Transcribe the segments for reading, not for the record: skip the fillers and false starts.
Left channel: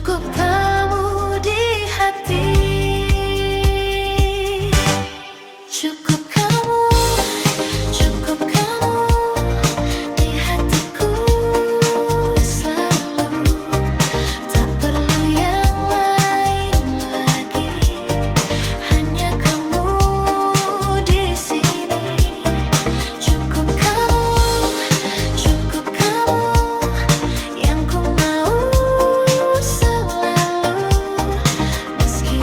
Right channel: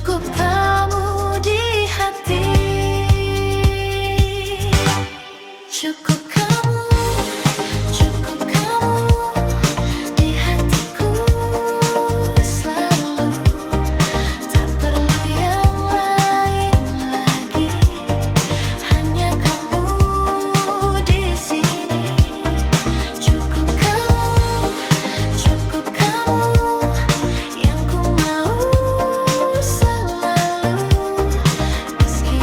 Cukup kamu di hati, cukup kamu, cukup kamu di hatiku selalu. Tak perlu yang lain lagi, hanya kamu di sini. Cukup kamu yang ku mau selalu, meski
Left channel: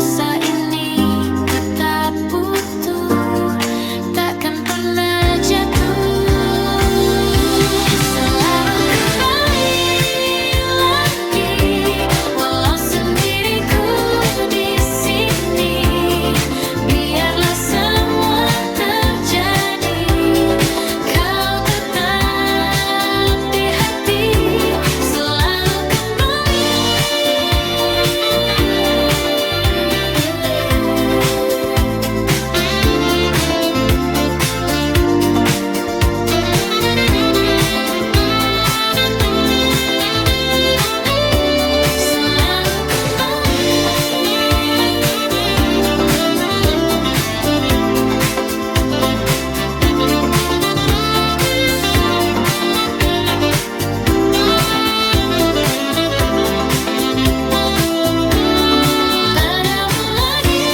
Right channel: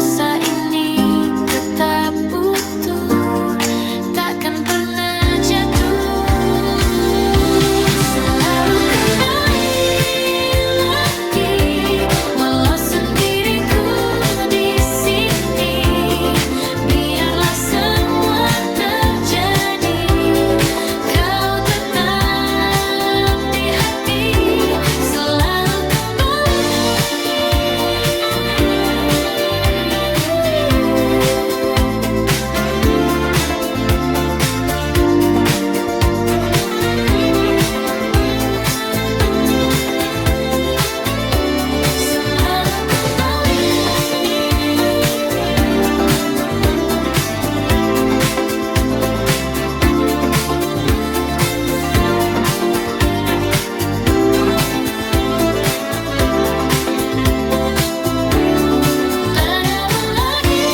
rasa ini tetap utuh, takkan pernah jatuh. Selalu kembali lagi, walau sendiriku di sini. Biarlah semua terjadi, kau tetap di hati. Selalu kembali. Selalu kembali. Padamu lagi.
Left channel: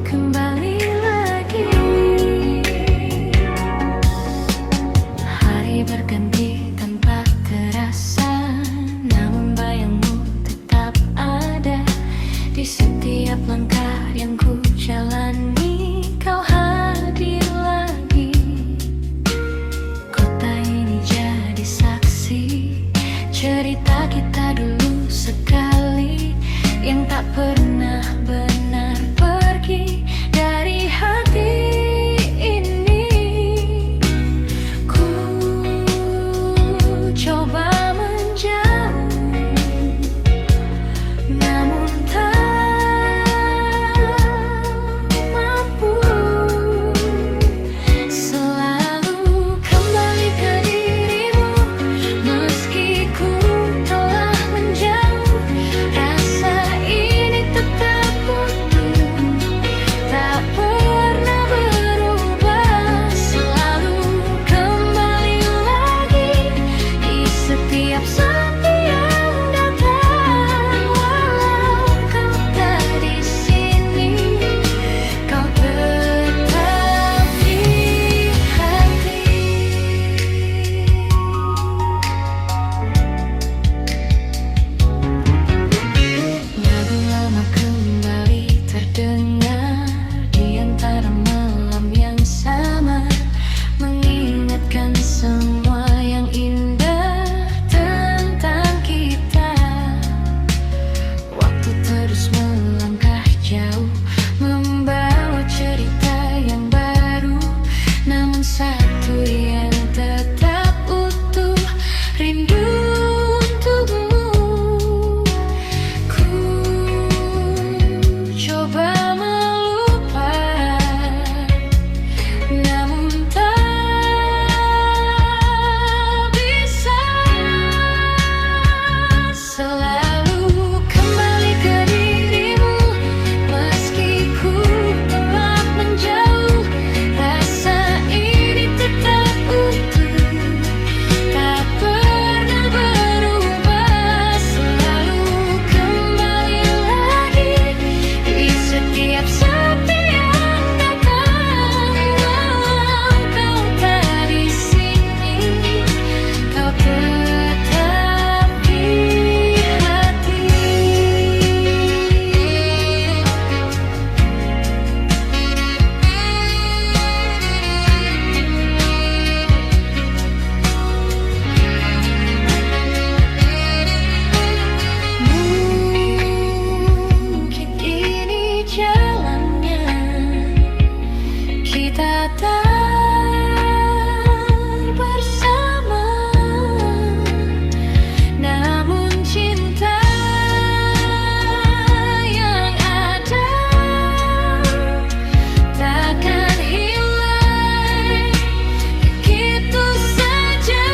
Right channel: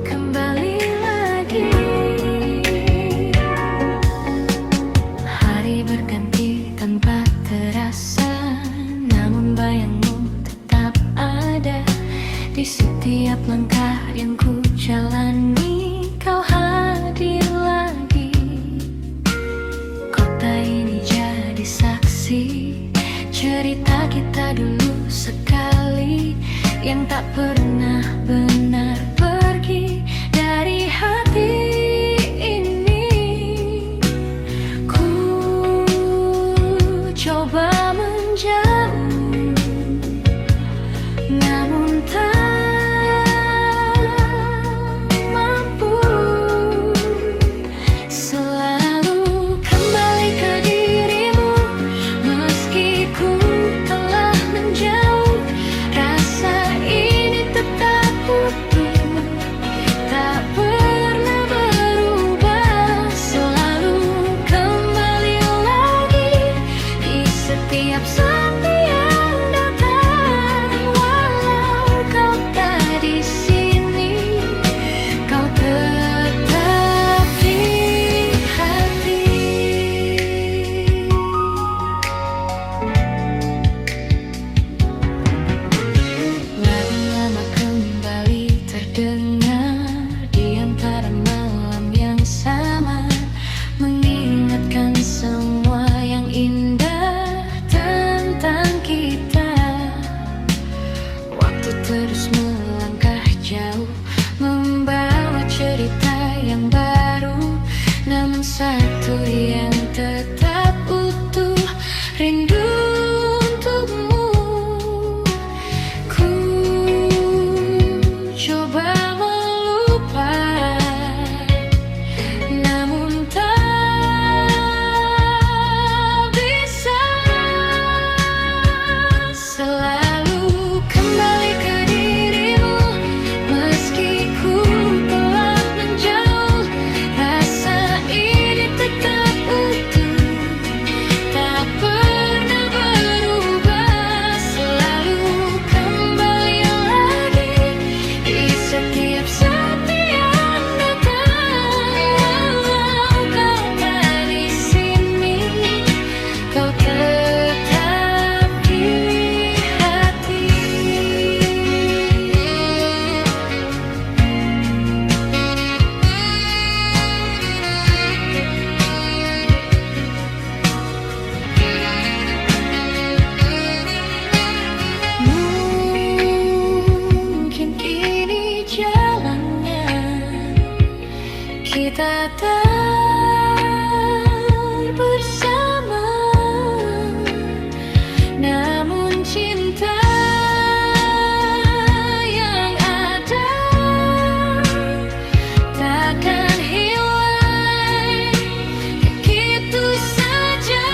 Kembali lagi. Hari berganti tanpa terasa, namun bayangmu tetap ada di setiap langkah yang ku jalani. Kau hadir lagi. Kota ini jadi saksi cerita kita dulu sekali, yang tak pernah benar pergi dari hati ini. Ku coba menjauh, namun tak mampu. Selalu kembali ke dirimu, meski ku telah menjauh. Rasa ini tetap utuh, tak pernah berubah. Selalu kembali lagi di setiap sepi yang datang. Walau kau tak di sini, kau tetap di hati. Lagu lama kembali terdengar di antara malam yang sama, mengingatkan semua yang indah tentang kita. Waktu terus melangkah jauh, membawa cerita yang baru, namun satu yang tetap utuh, rindu untukmu. Ku coba melupakan, namun tak bisa. Selalu kembali ke dirimu, meski ku telah menjauh. Rasa ini tetap utuh, tak pernah berubah. Selalu kembali lagi di setiap sepi yang datang. Walau kau tak di sini, kau tetap di hati. Mungkin ini jalannya, kita tak bersama, namun cinta yang ada takkan hilang begitu saja.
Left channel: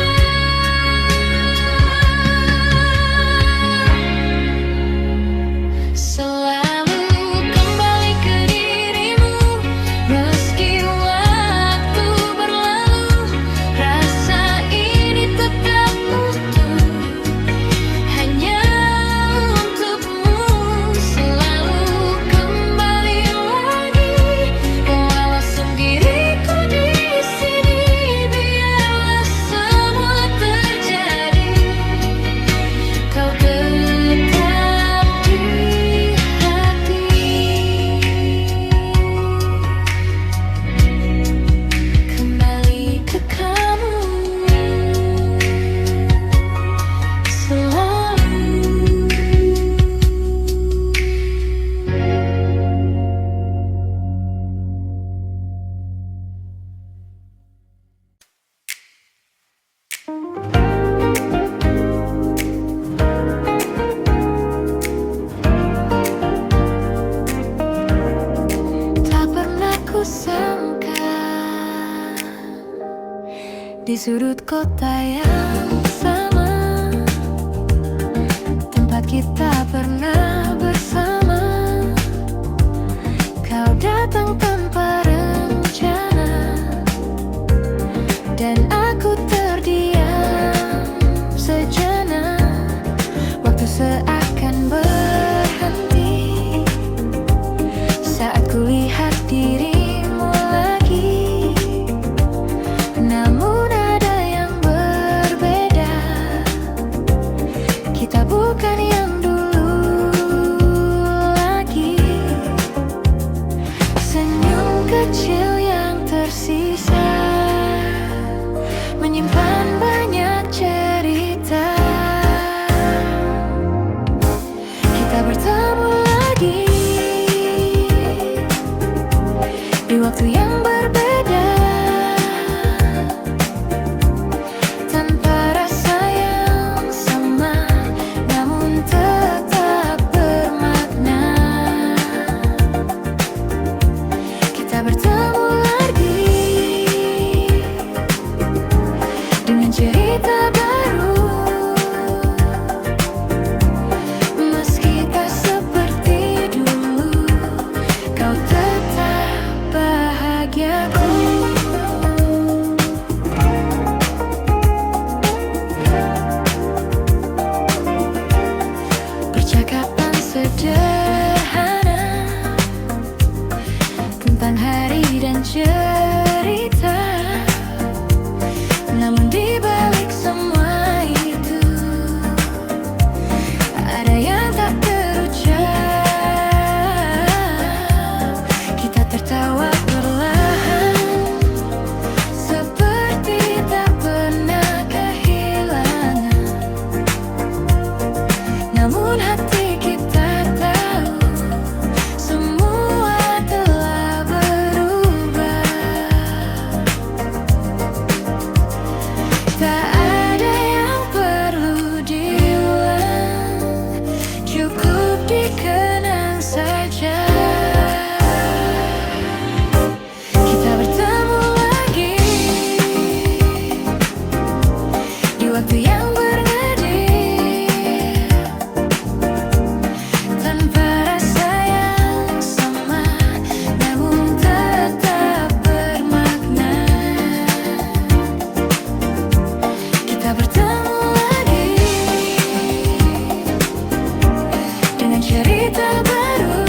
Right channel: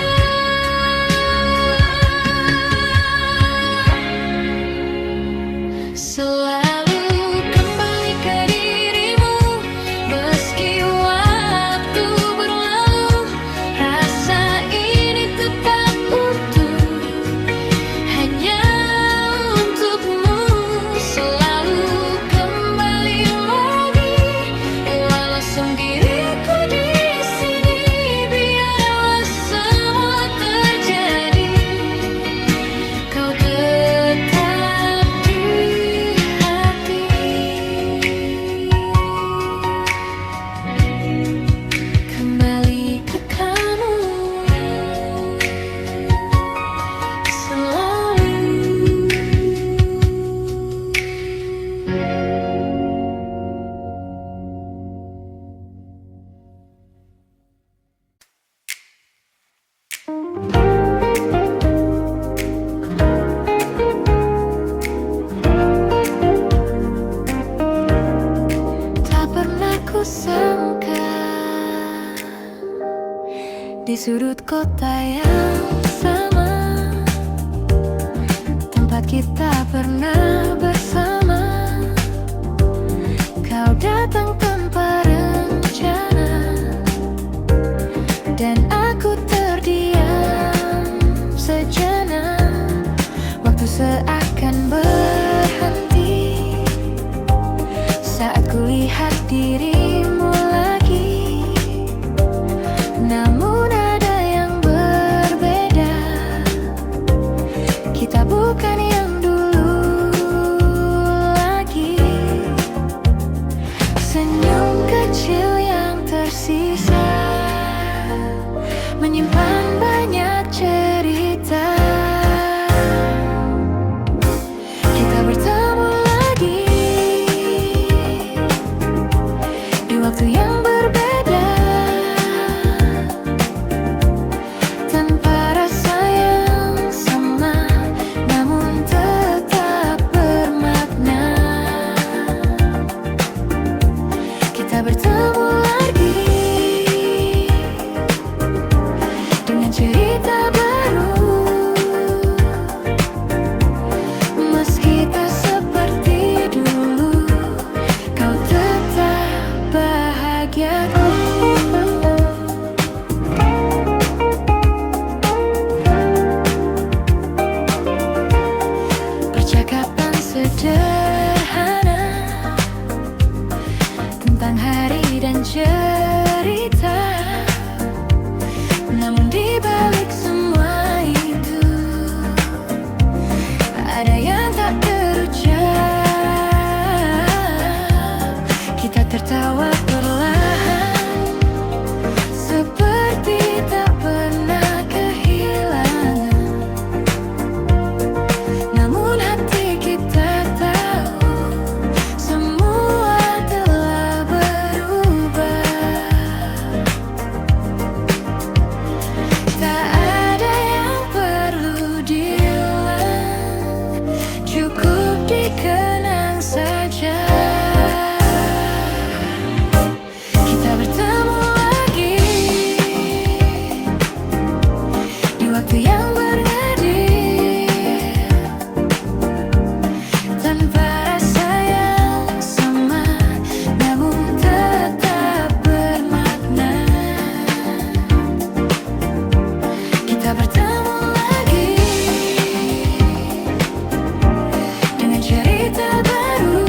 sangka di sudut kota yang sama, tempat kita pernah bersama. Kau datang tanpa rencana dan aku terdiam sejenak. Waktu seakan berhenti saat kulihat dirimu lagi. Namun ada yang berbeda, kita bukan yang dulu lagi. Senyum kecil yang tersisa menyimpan banyak cerita. Kita bertemu lagi di waktu yang berbeda, tanpa rasa yang sama, namun tetap bermakna. Kita bertemu lagi dengan cerita baru. Meski tak seperti dulu, kau tetap bahagiaku. Percakapan sederhana tentang hari dan cerita, namun di balik semua itu ada yang tak terucap. Kita tertawa perlahan, seperti tak pernah kehilangan. Namun hati kita tahu semua telah berubah. Tak ada yang perlu diulang, cukup dikenang saja. Kita bertemu lagi di waktu yang bernadil, tanpa rasa yang sama, namun tetap bermakna. Kita bertemu lagi dengan cerita baru.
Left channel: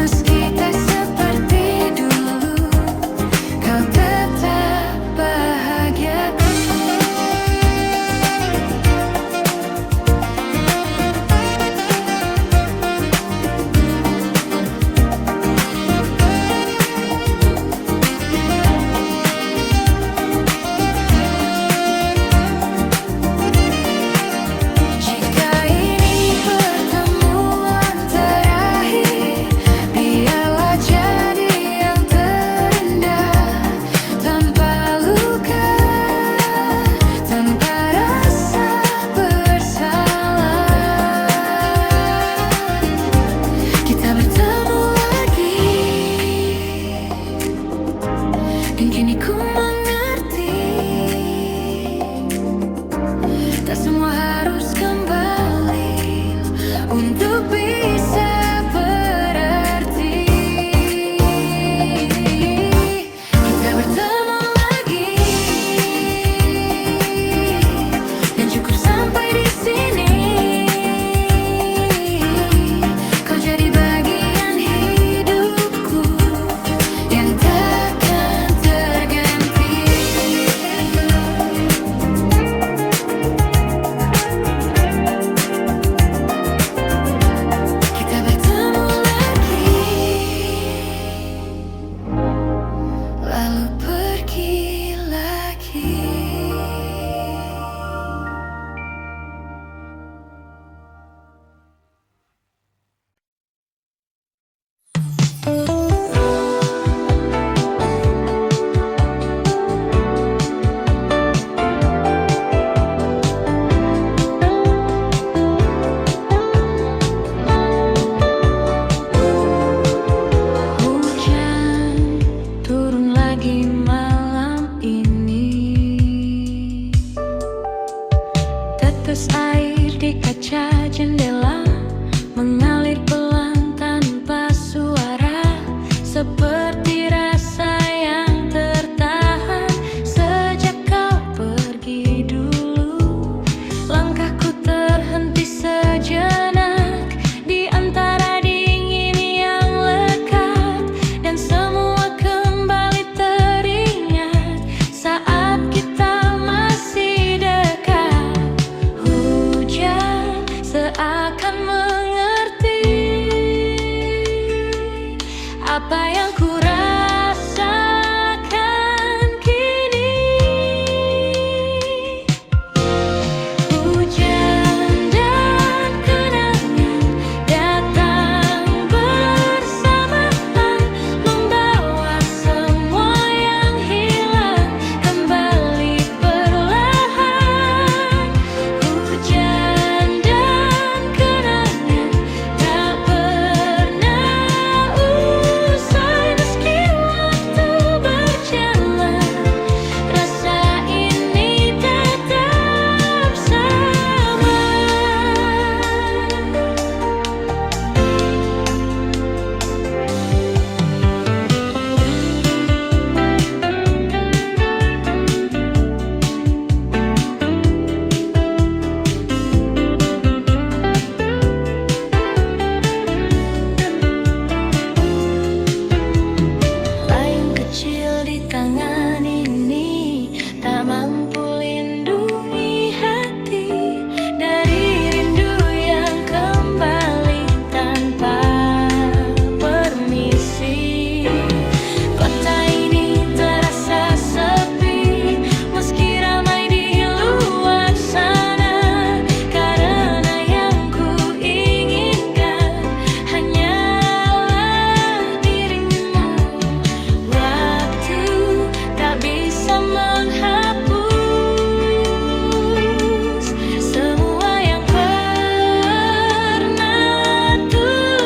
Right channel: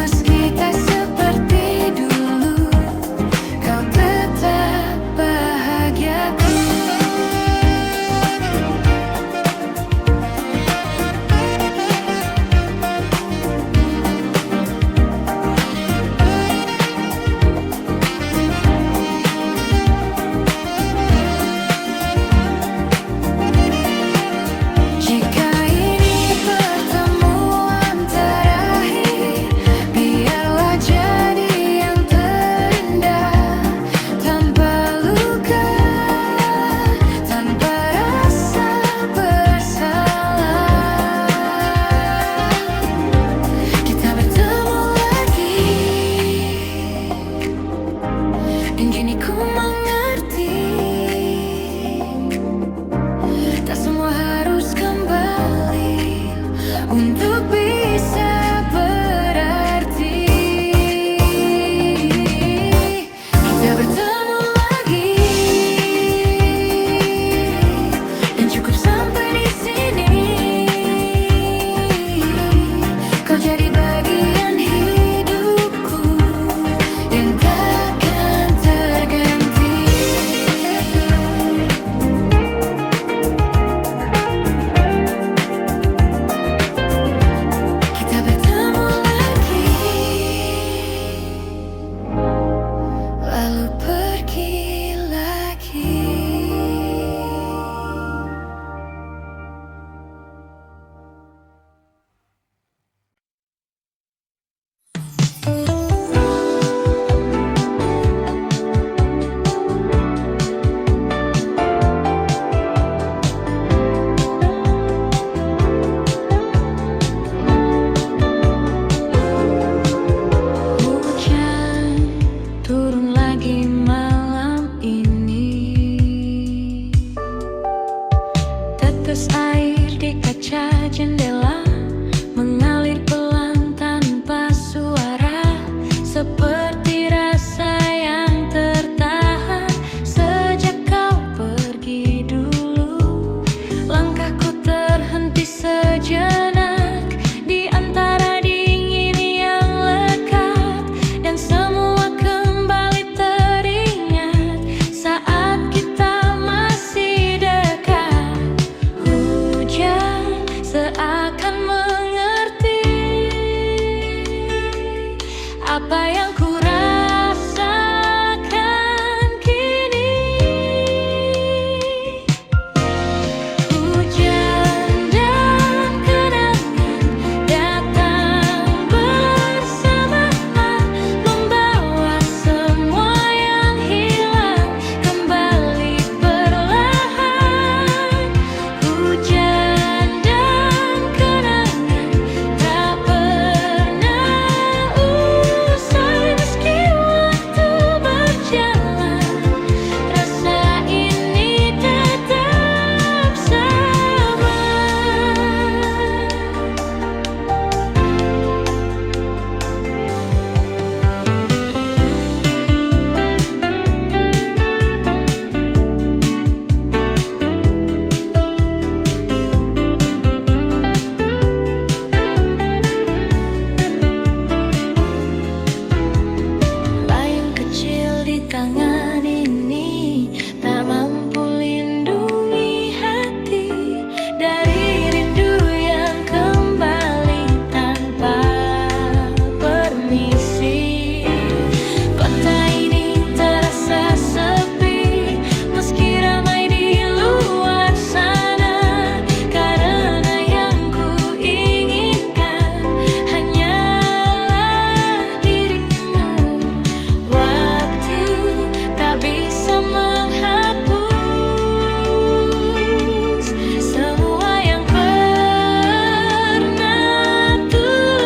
Meski tak seperti dulu, kau tetap bahagiaku. Jika ini pertemuan terakhir, biarlah jadi yang terindah, tanpa luka, tanpa rasa bersalah. Kita bertemu lagi, dan kini ku mengerti, tak semua harus kembali untuk bisa berarti. Kita bertemu lagi, dan cukup sampai di sini. Kau jadi bagian hidupku yang takkan terganti. Tetes air di kaca jendela mengalir pelan tanpa suara, seperti rasa yang tertahan sejak kau pergi dulu. Langkahku terhenti sejenak di antara dingin yang lekat, dan semua kembali teringat saat kita masih dekat. Hujan seakan mengerti apa yang ku rasakan kini. Hujan dan kenangan datang bersamaan, membawa semua yang hilang kembali perlahan. Hujan dan kenangan tak pernah usai meski waktu berjalan. Rasa ini tetap sama. Layang kecil di tangan ini tak mampu lindungi hati dari rindu yang kembali tanpa permisi. Kota ini terasa sepi meski ramai di luar sana, karena yang ku inginkan hanyalah dirimu. Waktu tak bisa menghapus semua yang pernah tulus.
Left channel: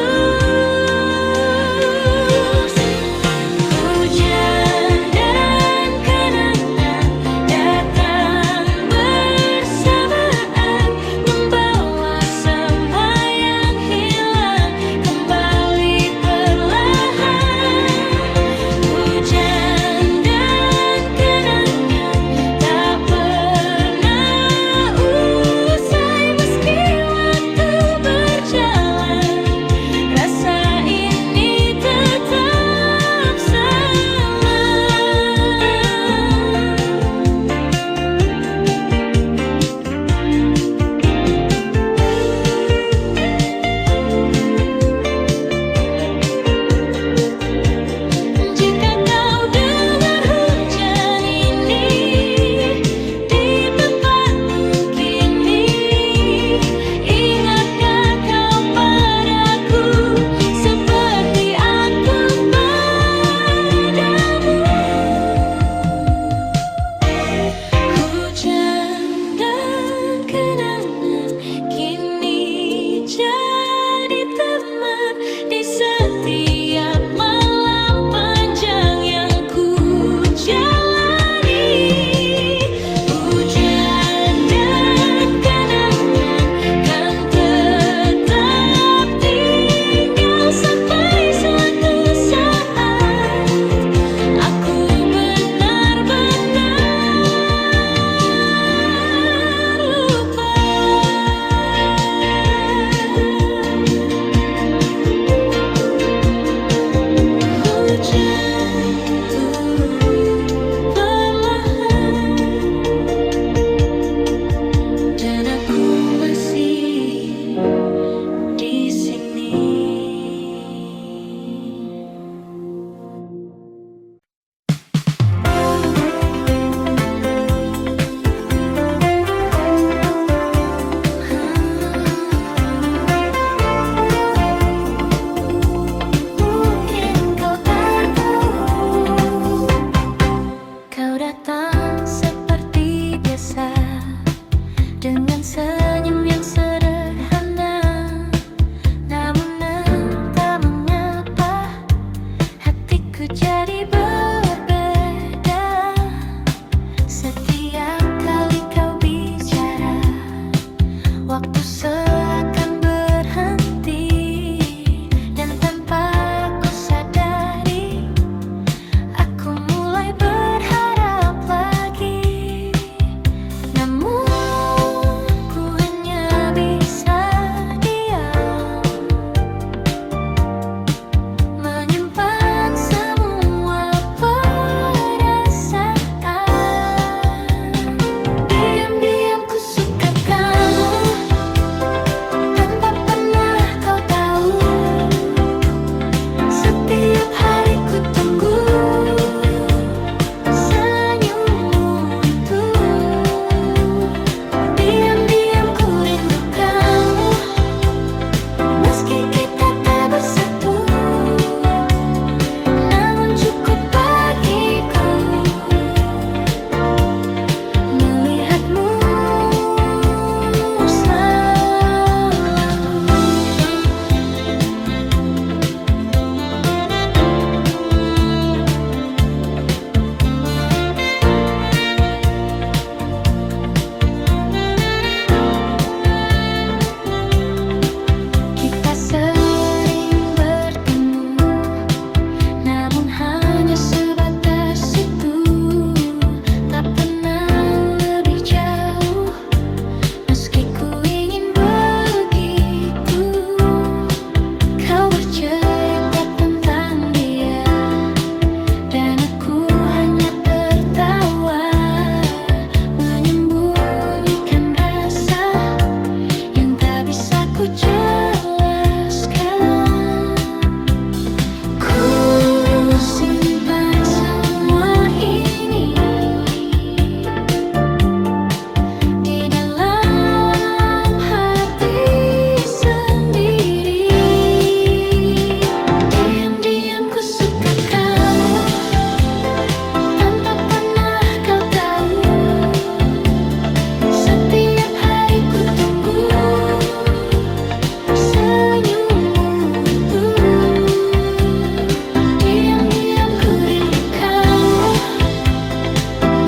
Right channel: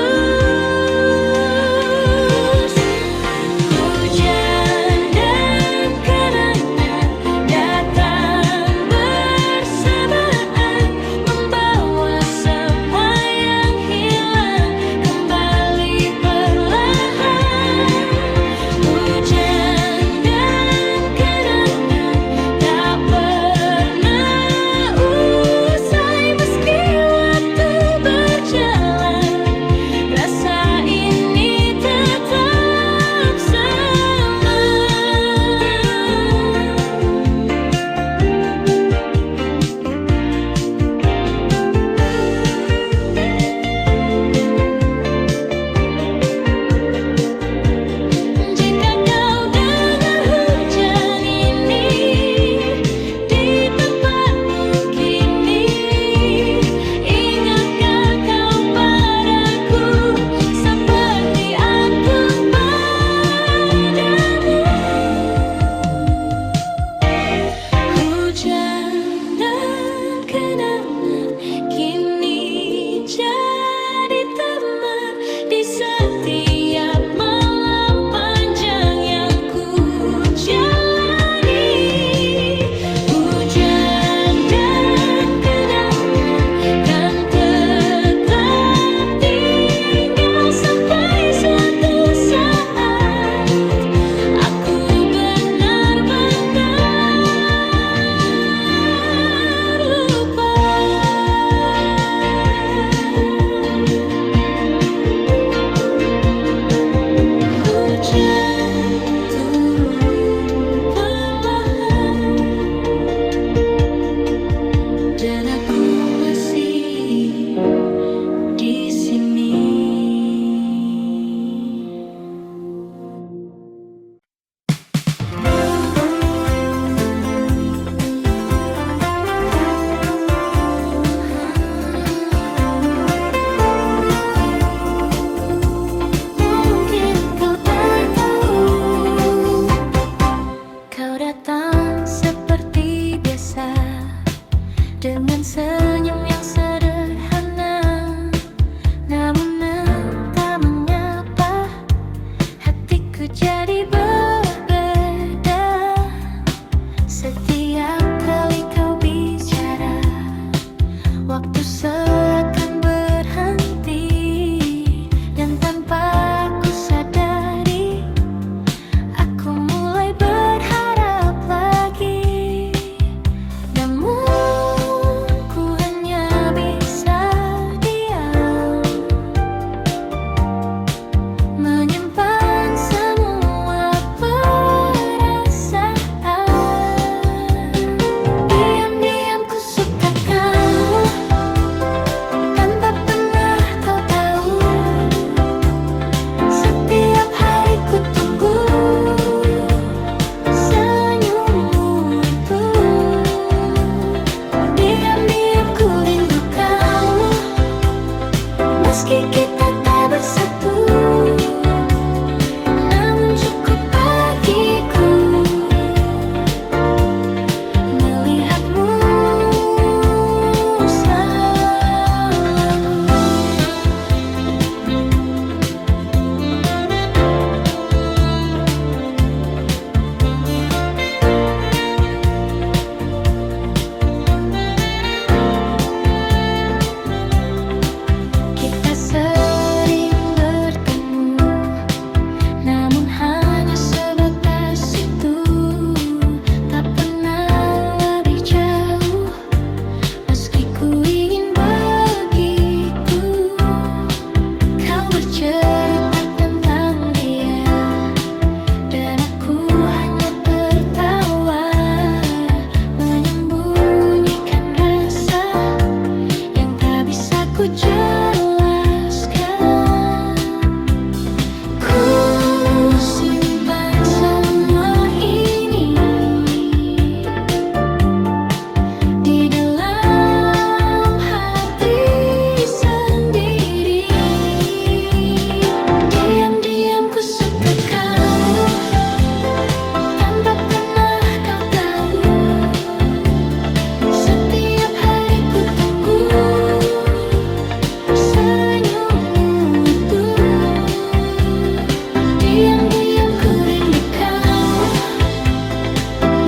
Hujan dan kenangan datang bersamaan, membawa semua yang hilang kembali perlahan. Hujan dan kenangan tak pernah usai meski waktu berjalan. Rasa ini tetap sama. Jika kau dengar hujan ini di tempatmu kini, ingatkah kau padaku seperti aku padamu? Hujan dan kenangan kini jadi teman di setiap malam panjang yang ku jalani. Hujan dan kenangan kan tetap tinggal sampai suatu saat aku benar-benar lupa. Hujan turun perlahan, dan aku masih di sini. Mungkin kau tak tahu, kau datang seperti biasa dengan senyum yang sederhana. Namun entah mengapa hatiku jadi berbeda setiap kali kau bicara.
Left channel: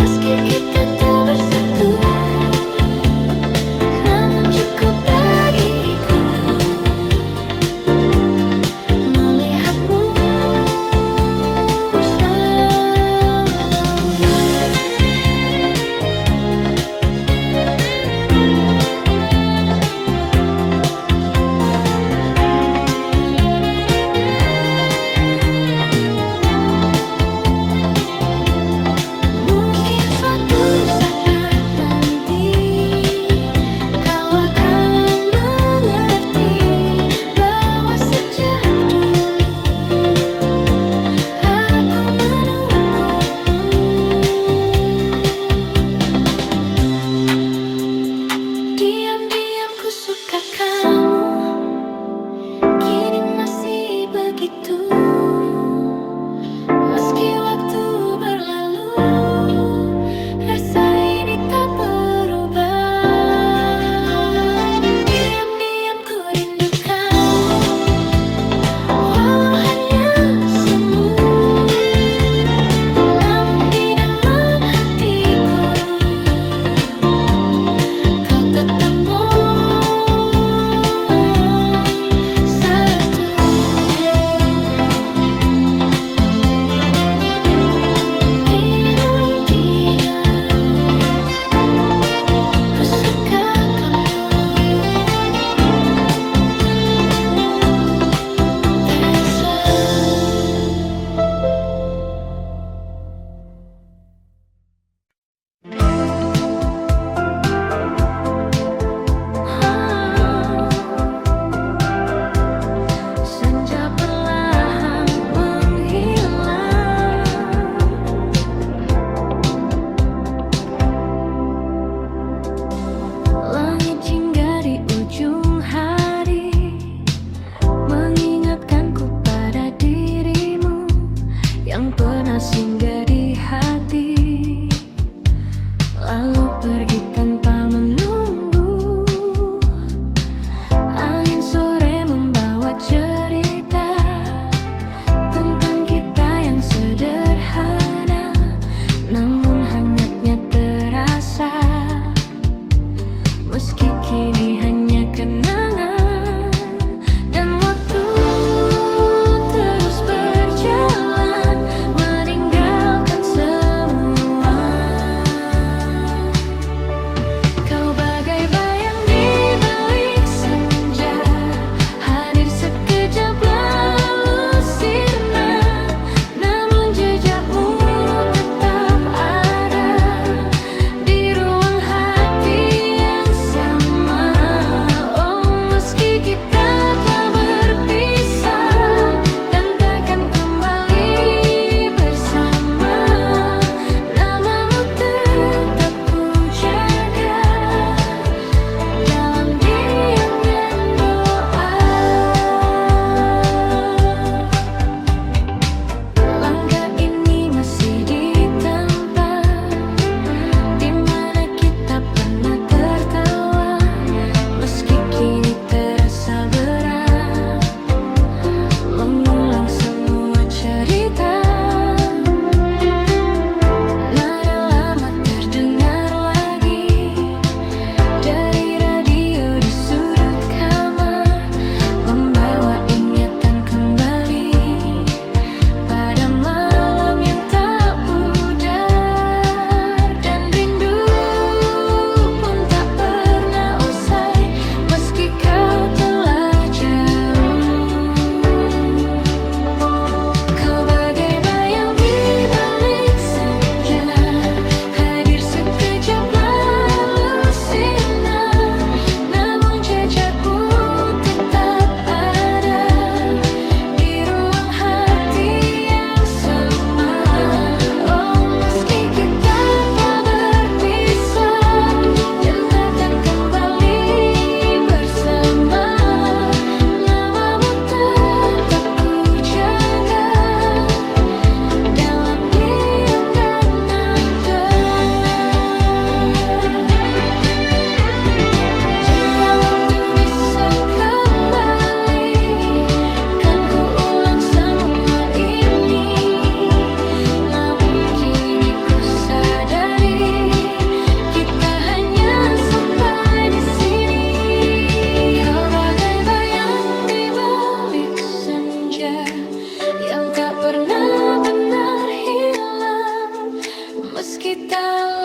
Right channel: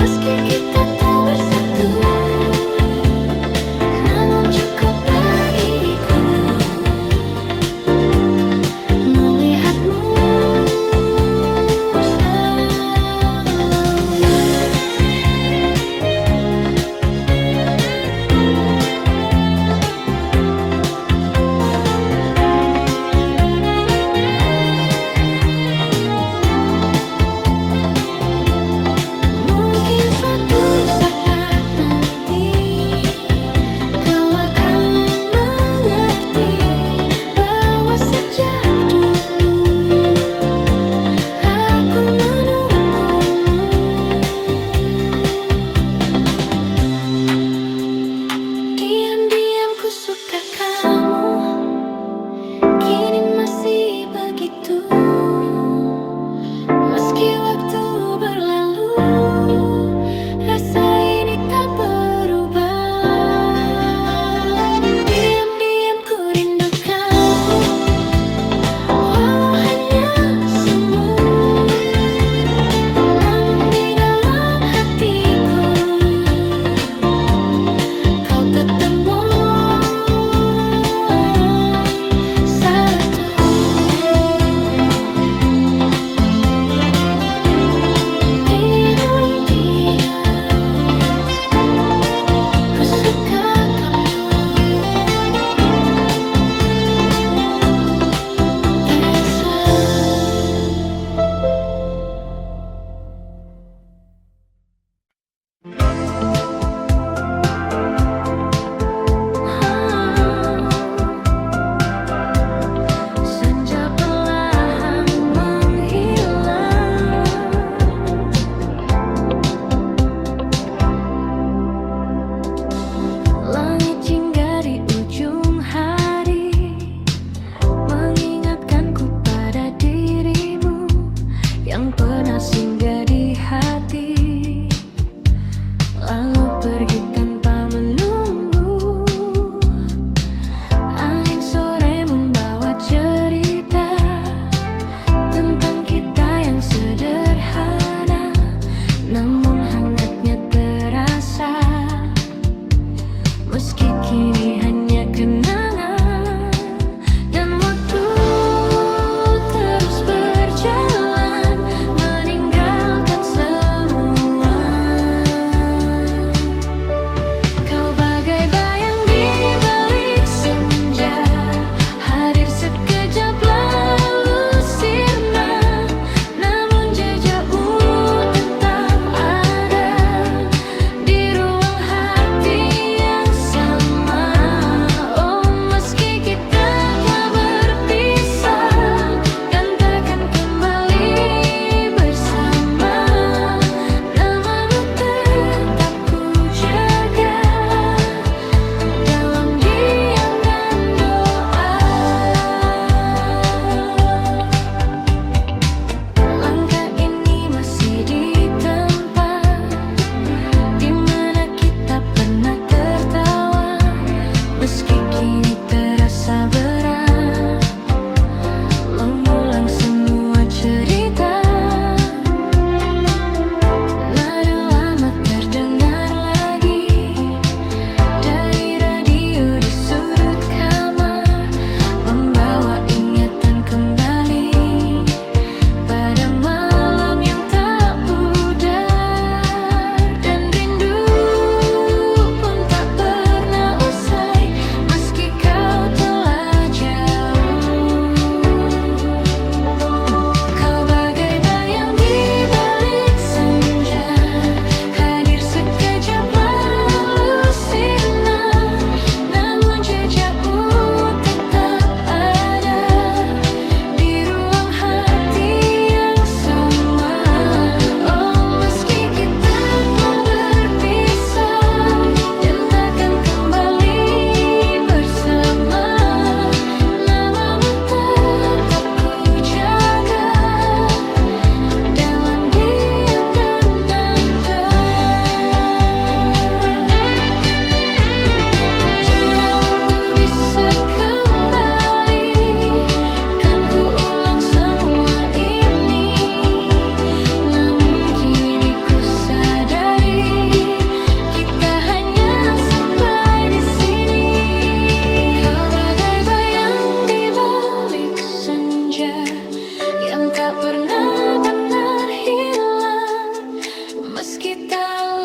Meski kita tak bersatu, namun cukup bagiku melihatmu selalu. Mungkin suatu saat nanti kau akan mengerti bahwa sejak dulu aku menunggumu. Diam-diam ku suka kamu, kini masih begitu. Meski waktu berlalu, rasa ini tak berubah. Diam-diam ku rindu kamu, walau hanya semu. Namun di dalam hatiku, kau tetap satu. Ku suka kamu, Elsa. Senja perlahan menghilang, langit hingga di ujung hari mengingatkanku pada dirimu yang pernah singgah di hati, lalu pergi tanpa menunggu. Angin sore membawa cerita tentang kita yang sederhana, namun hangatnya terasa. Meski kini hanya kenangan, dan waktu terus berjalan meninggalkan semua.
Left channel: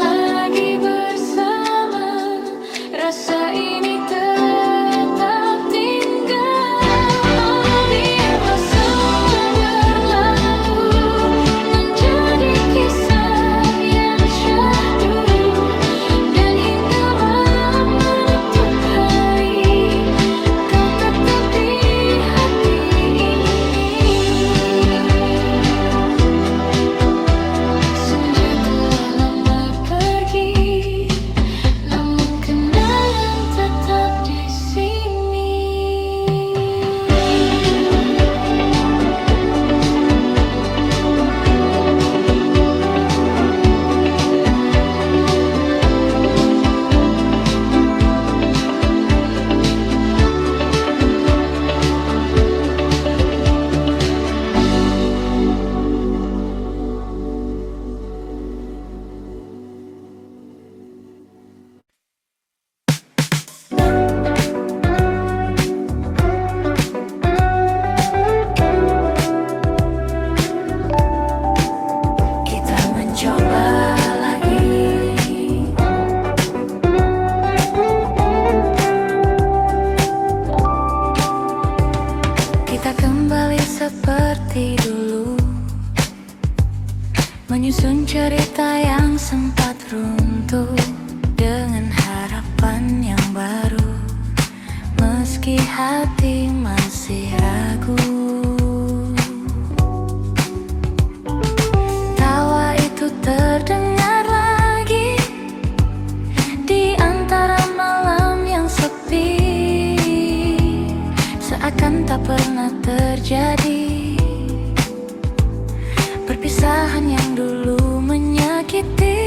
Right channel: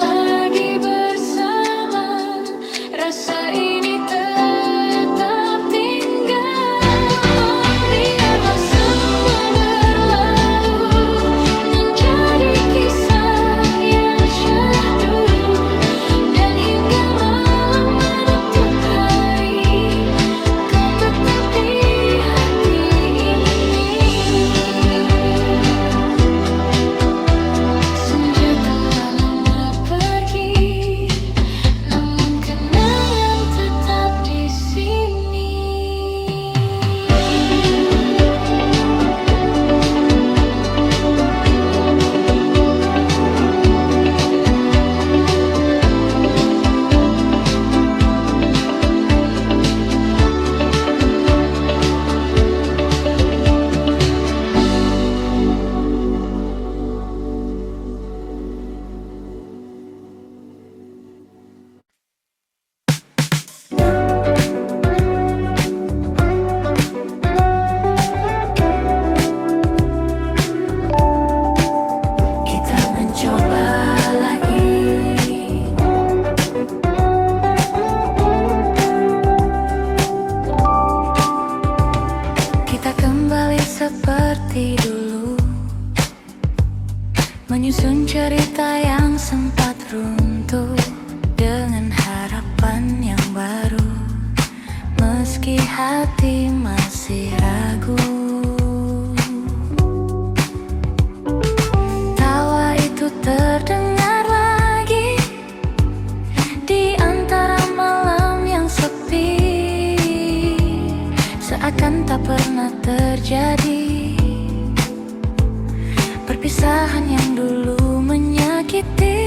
lagi bersama, rasa ini tetap tinggal. Oh, biarlah semua berlalu menjadi kisah yang syahdu, dan hingga malam menutup hari, kau tetap di hati ini. Senja telah lama pergi, namun kenangan tetap di sini. Kita mencoba lagi. Kita kembali seperti dulu, menyusun cerita yang sempat runtuh dengan harapan yang baru, meski hati masih ragu. Tawa itu terdengar lagi di antara malam yang sepi, seakan tak pernah terjadi perpisahan yang dulu menyakiti.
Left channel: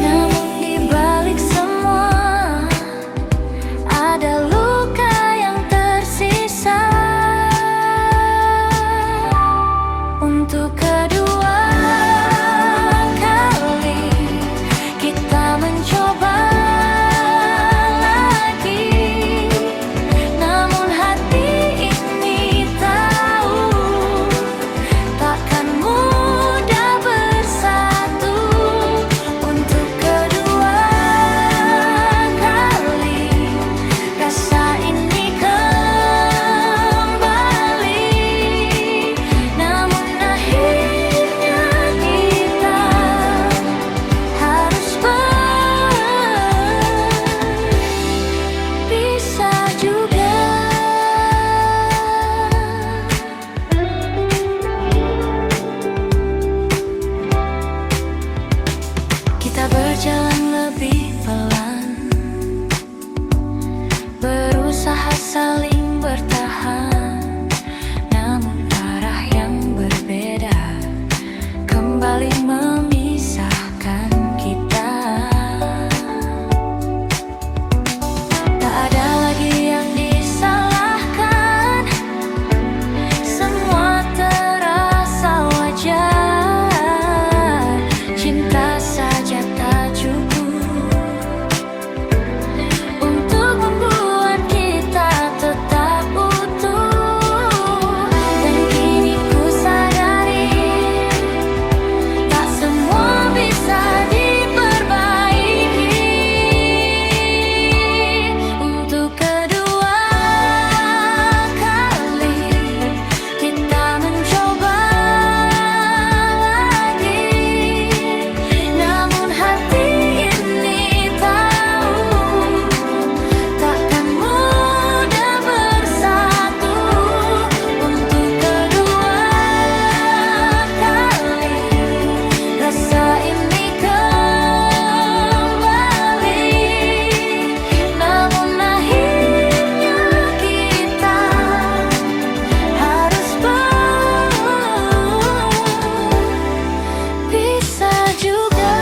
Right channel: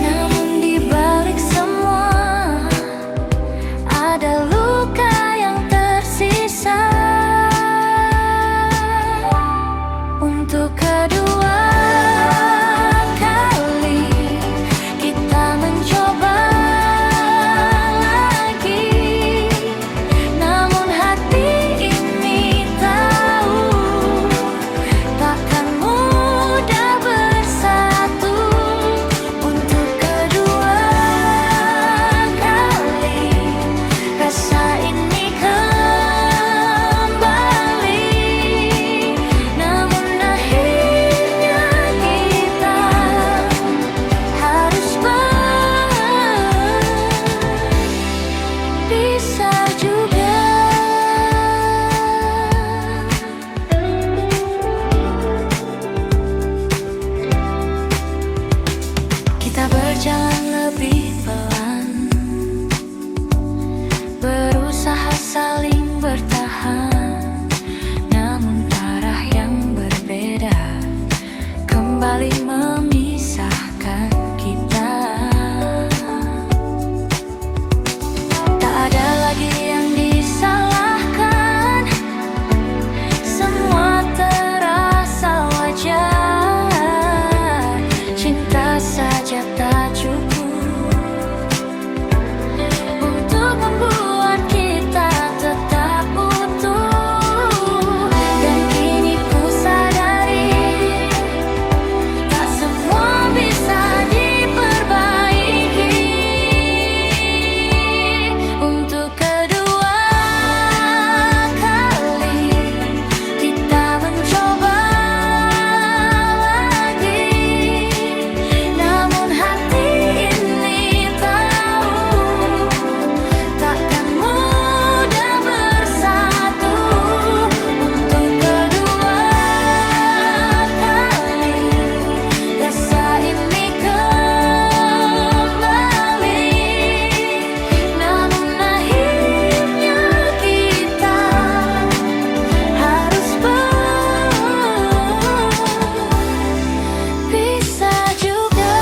Namun di balik semua ada luka yang tersisa. Untuk kedua kali kita mencoba lagi, namun hati ini tahu takkan mudah bersatu. Untuk kedua kali rasa ini kembali, namun akhirnya kita harus berpisah juga. Kita berjalan lebih pelan, berusaha saling bertahan, namun arah yang berbeda kembali memisahkan kita. Tak ada lagi yang disalahkan, semua terasa wajar. Cinta saja tak cukup untuk membuat kita tetap utuh. Dan kini ku sadari tak semua bisa diperbaiki. Untuk kedua kali kita mencoba lagi, namun hati ini tahu takkan mudah bersatu. Untuk kedua kali rasa ini kembali, namun akhirnya kita harus berpisah juga.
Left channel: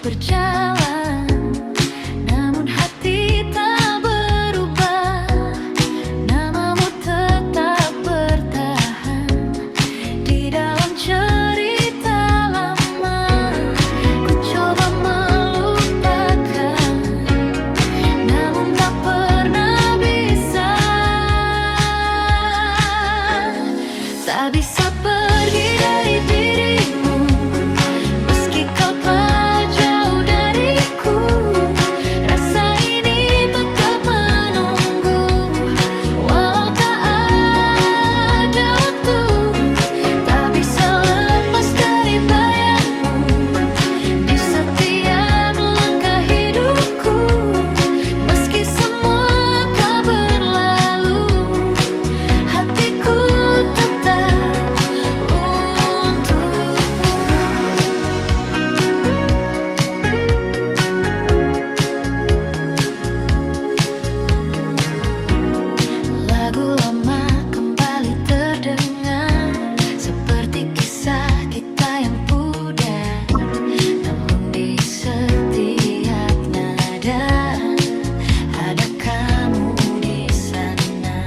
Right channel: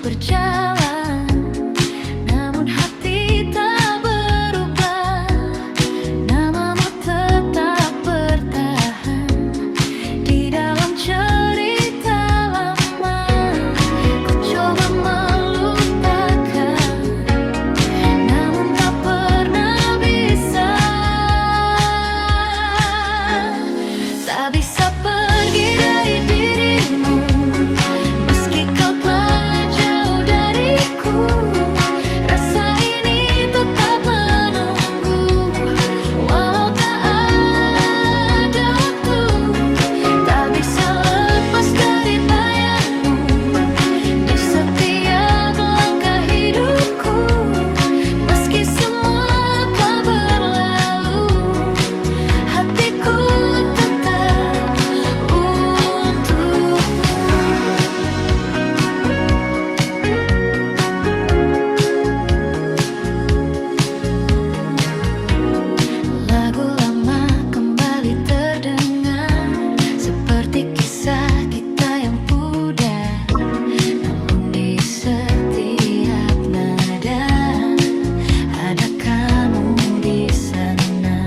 berjalan, namun hati tak berubah. Namamu tetap bertahan di dalam cerita lama. Ku coba melupakan, namun tak pernah bisa. Tak bisa pergi dari dirimu, meski kau telah jauh dariku. Rasa ini tetap menunggu, walau tak ada waktu. Tak bisa lepas dari bayangmu di setiap langkah hidupku. Meski semua telah berlalu, hatiku tetap untukmu. Lagu lama kembali terdengar, seperti kisah kita yang pudar. Namun di setiap nada ada kamu di sana.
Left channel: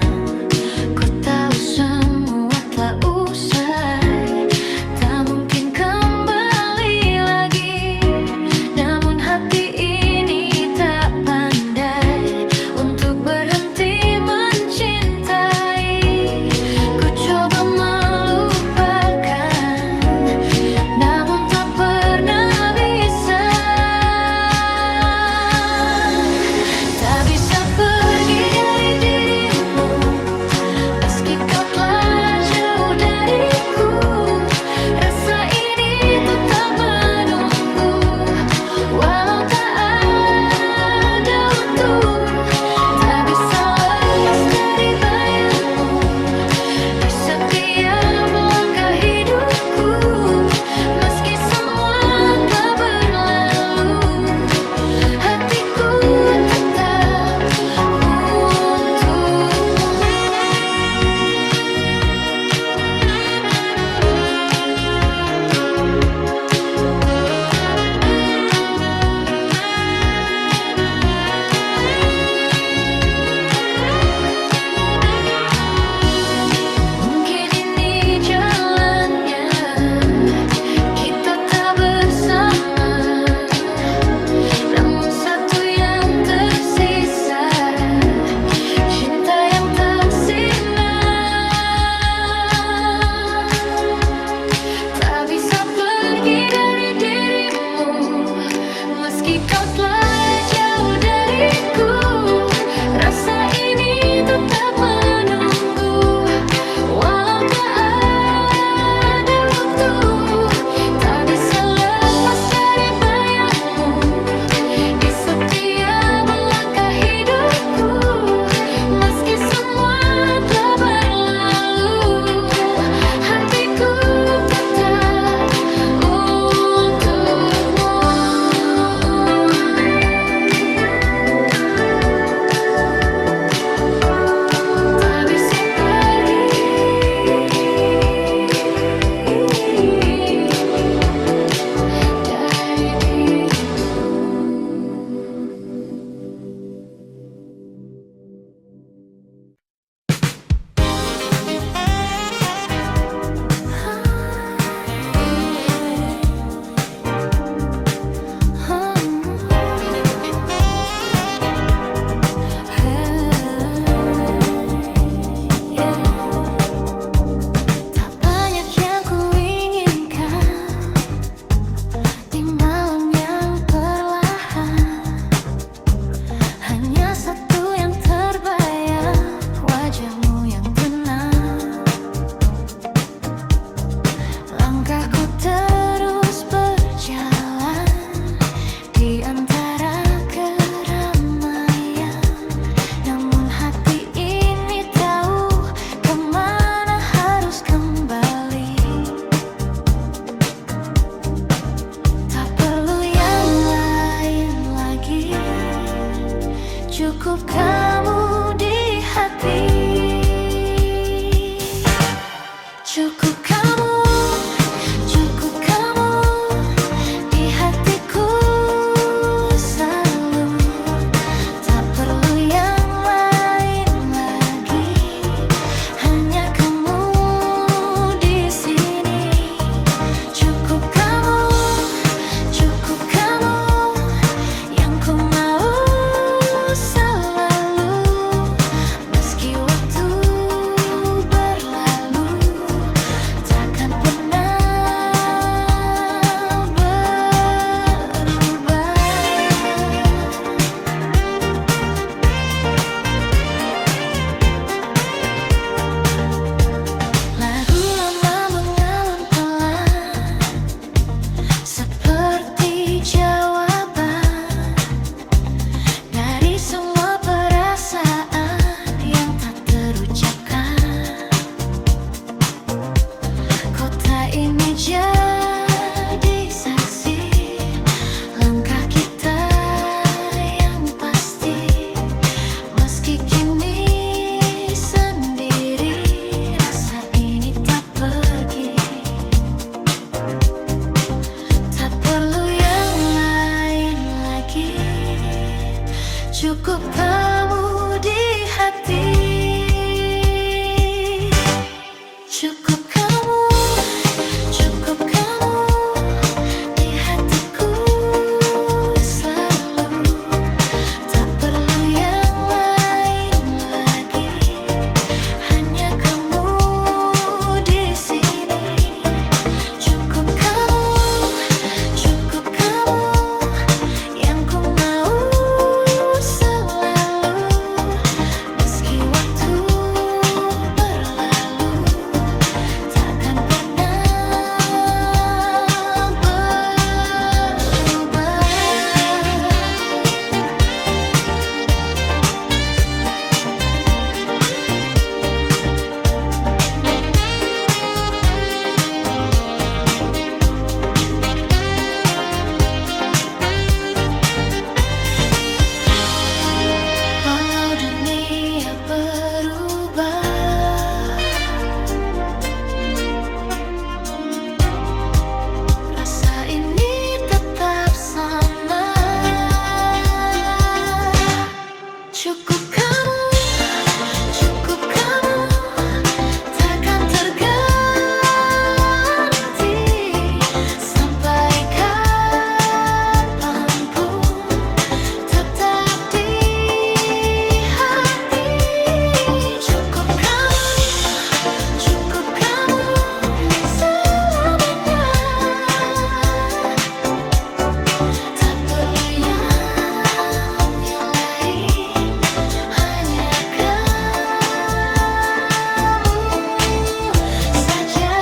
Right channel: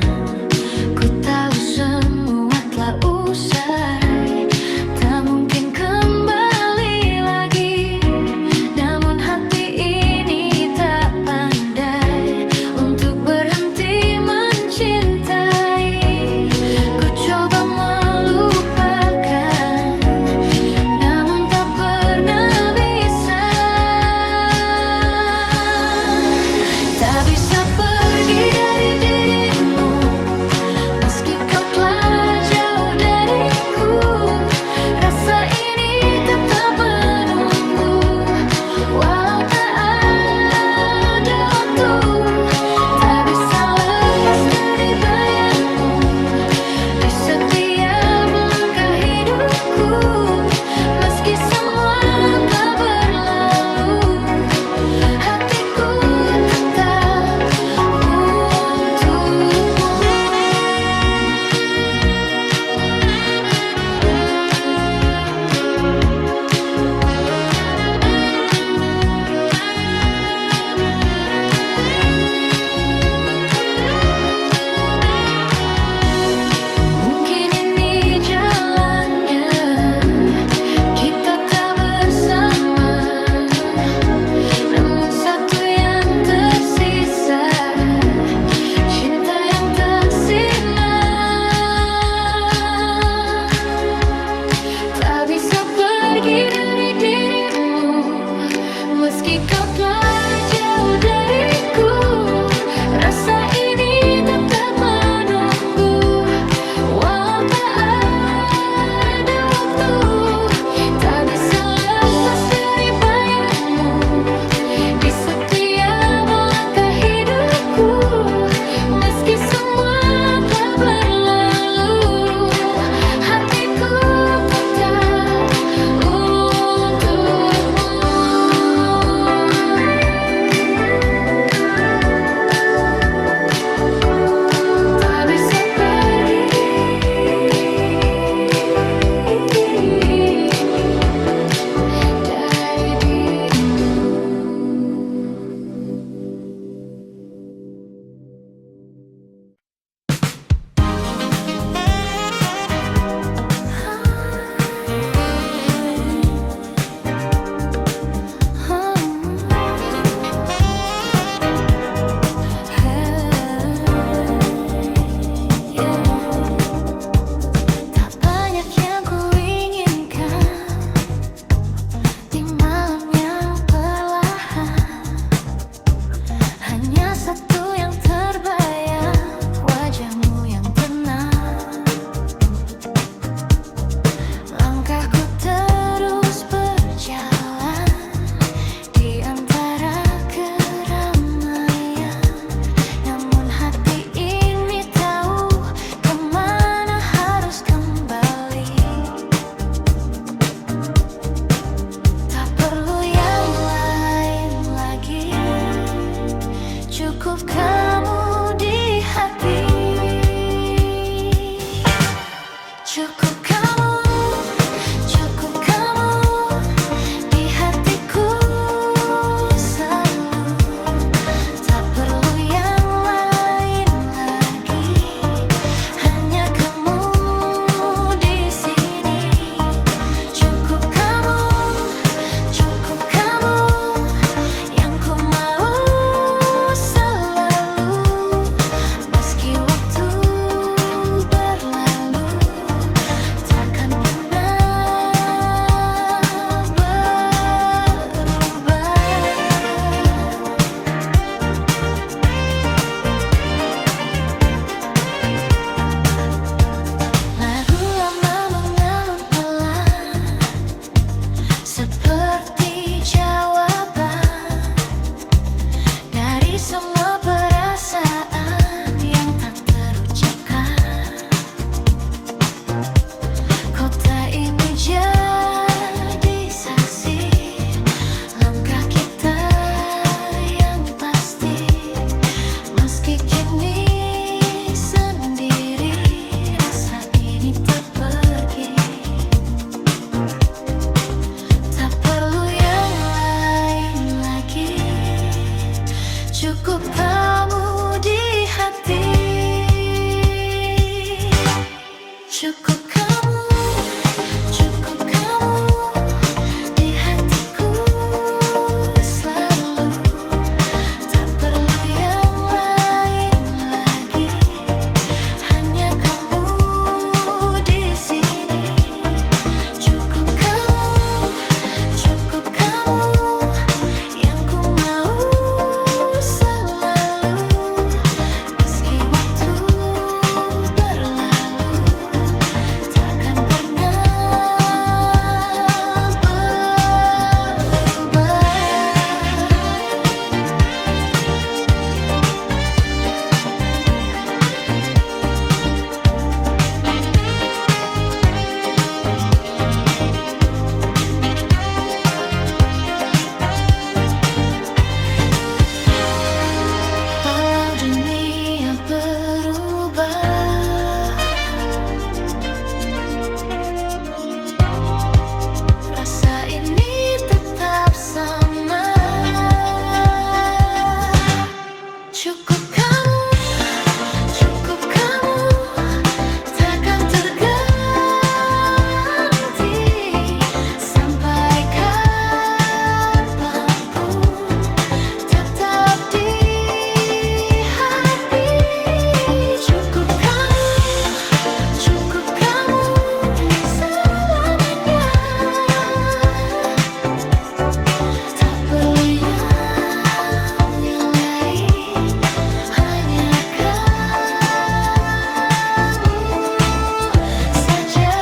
Ku tahu semua telah usai, tak mungkin kembali lagi. Namun hati ini tak pandai untuk berhenti mencintai. Ku coba melupakan, namun tak pernah bisa. Tak bisa pergi dari dirimu, meski kau telah jauh dariku. Rasa ini tetap menunggu, walau tak ada waktu. Tak bisa lepas dari bayangmu di setiap langkah hidupku. Meski semua telah berlalu, hatiku tetap untukmu. Mungkin ini jalannya, kita tak bersama. Namun satu yang tersisa, cinta yang tak sirna. Tak bisa pergi dari dirimu, meski kau telah jauh dariku. Rasa ini tetap menunggu, walau tak ada waktu. Tak bisa lepas dari bayangmu di setiap langkah hidupku. Meski semua telah berlalu, hatiku tetap untukmu. Tak bisa pergi dari dirimu. Tak banyak yang ku inginkan di malam yang perlahan. Hanya satu yang terbayang, wajahmu yang tenang. Langkahku terus berjalan di antara keramaian. Namun hati ini tahu kemana harus kembali. Tak perlu yang lain lagi, cukup kamu di hati. Cukup kamu di hatiku. Cukup kamu di hati, cukup kamu, cukup kamu di hatiku selalu. Tak perlu yang lain lagi, hanya kamu di sini. Cukup kamu yang ku mau selalu. Meski waktu berlalu, takkan pernah berubah. Walau dunia berubah, rasa ini tetap sama. Cukup kamu, takkan terganti sampai kapanpun, tetap di hati. Cukup kamu selamanya. Tak perlu yang lain, hanya kamu saja.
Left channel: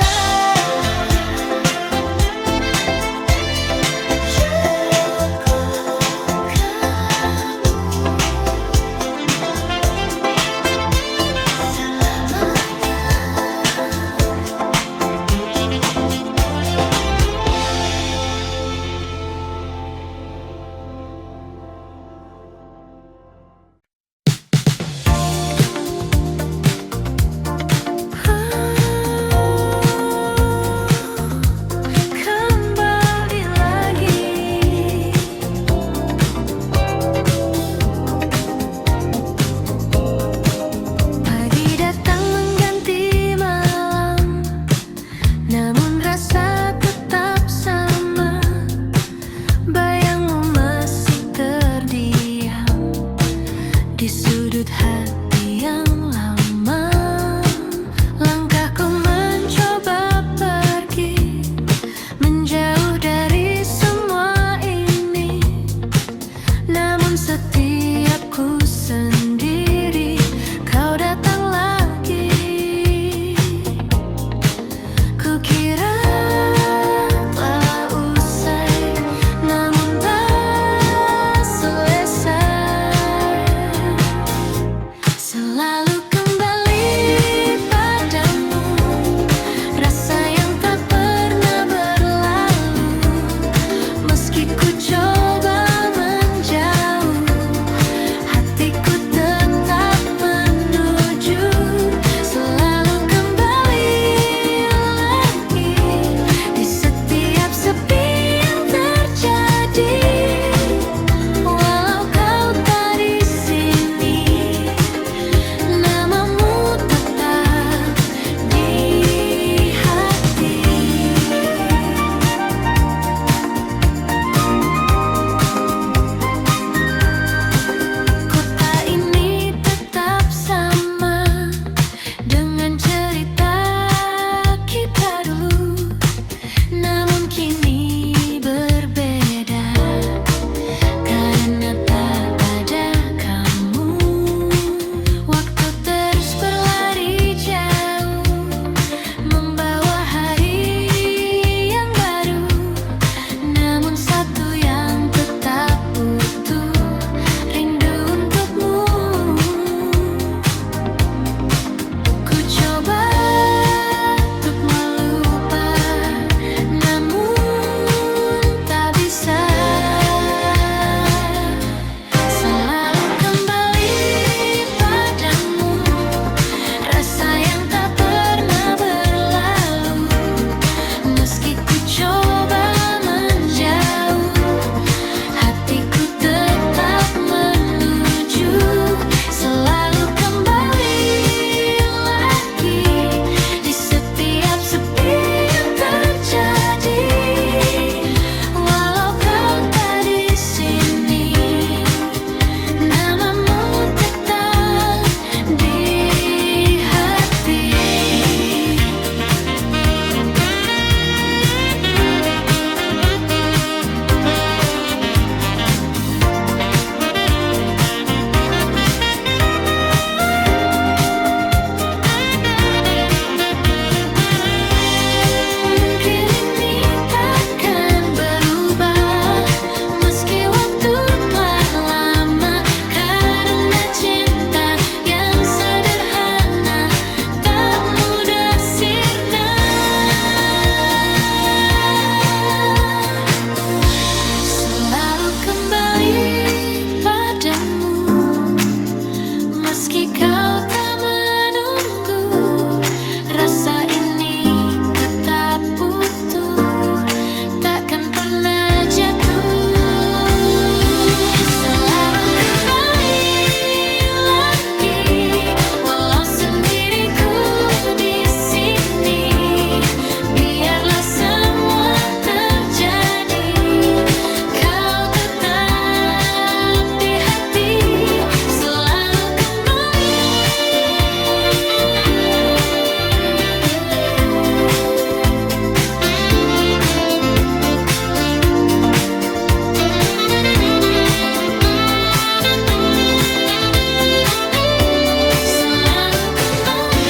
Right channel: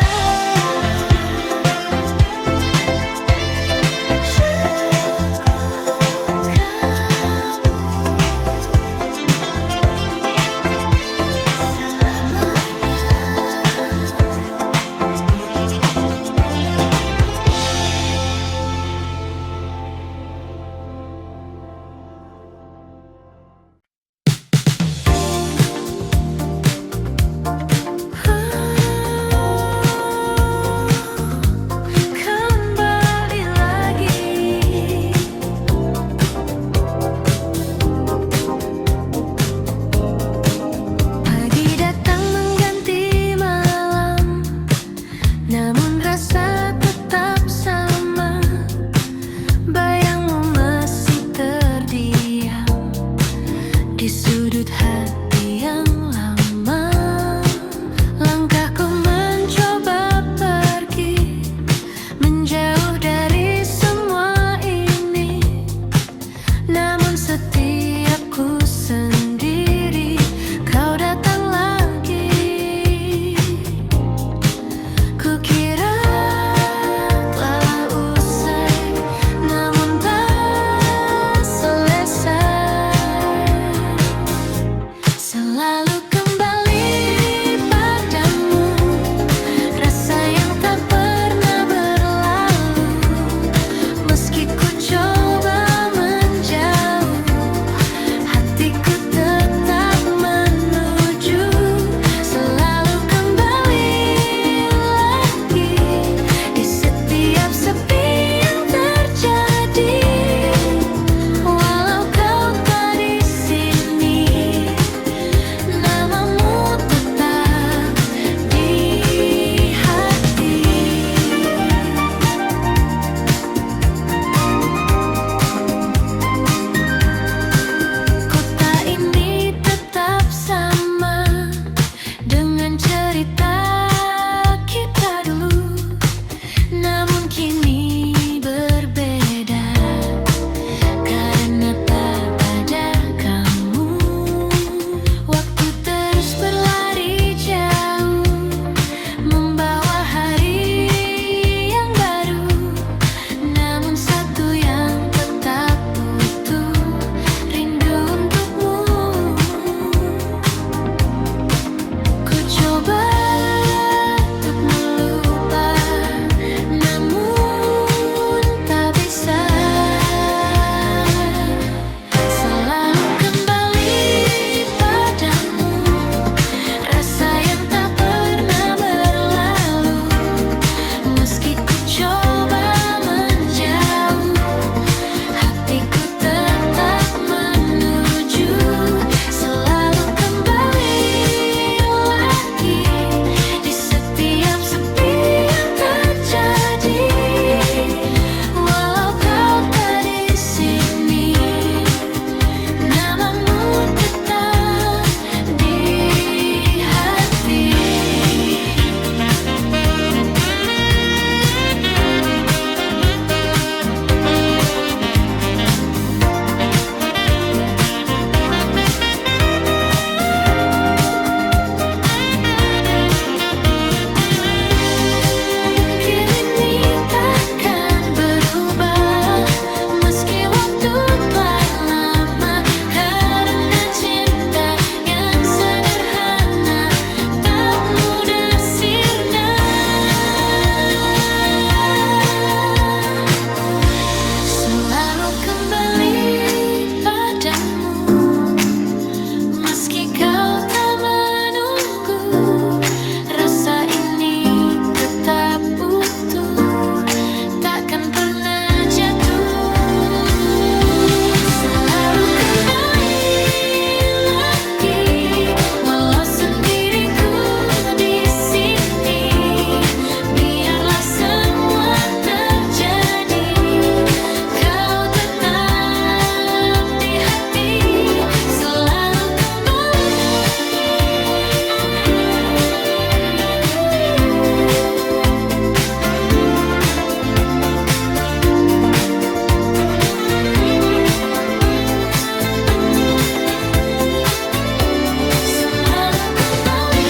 Cukup kamu selamanya. Kembali lagi, pagi datang mengganti malam, namun rasa tetap sama. Bayangmu masih terdiam di sudut hati yang lama. Langkahku mencoba pergi, menjauh dari semua ini, namun setiap ku sendiri, kau datang lagi. Kukira telah usai, namun tak selesai. Selalu kembali padamu, rasa yang tak pernah berlalu. Meski ku coba menjauh, hatiku tetap menuju. Selalu kembali lagi di setiap sepi yang terjadi. Walau kau tak di sini, namamu tetap di hati. Kota ini tetap sama dengan cerita kita dulu, namun kini berbeda karena tak ada kamu. Waktu terus berlari jauh, membawa hari yang baru, namun satu yang tetap utuh, rindu untukmu. Ku coba untuk melupa, namun tak bisa. Selalu kembali padamu, rasa yang tak pernah berlalu. Meski ku coba menjauh, hatiku tetap menuju. kau tak menunggu, rasa ini tetap utuh, takkan pernah jatuh. Selalu kembali lagi, walau sendiriku di sini. Biarlah semua terjadi, kau tetap di hati. Selalu kembali. Selalu kembali.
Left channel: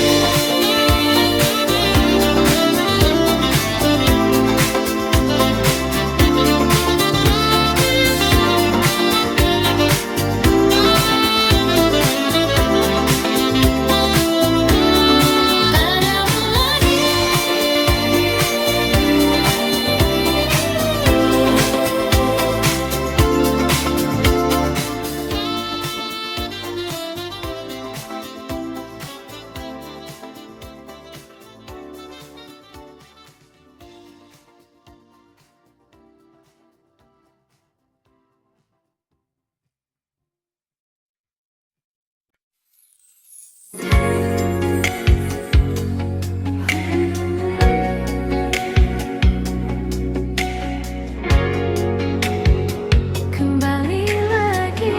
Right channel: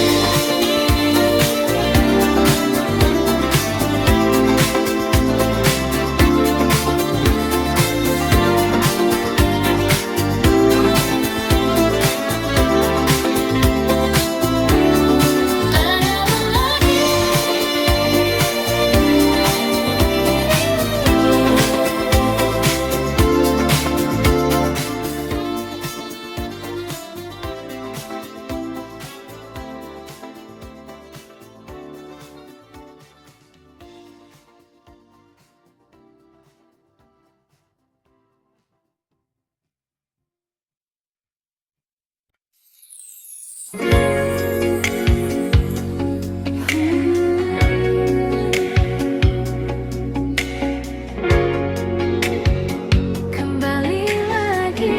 Padamu lagi. Kembali lagi.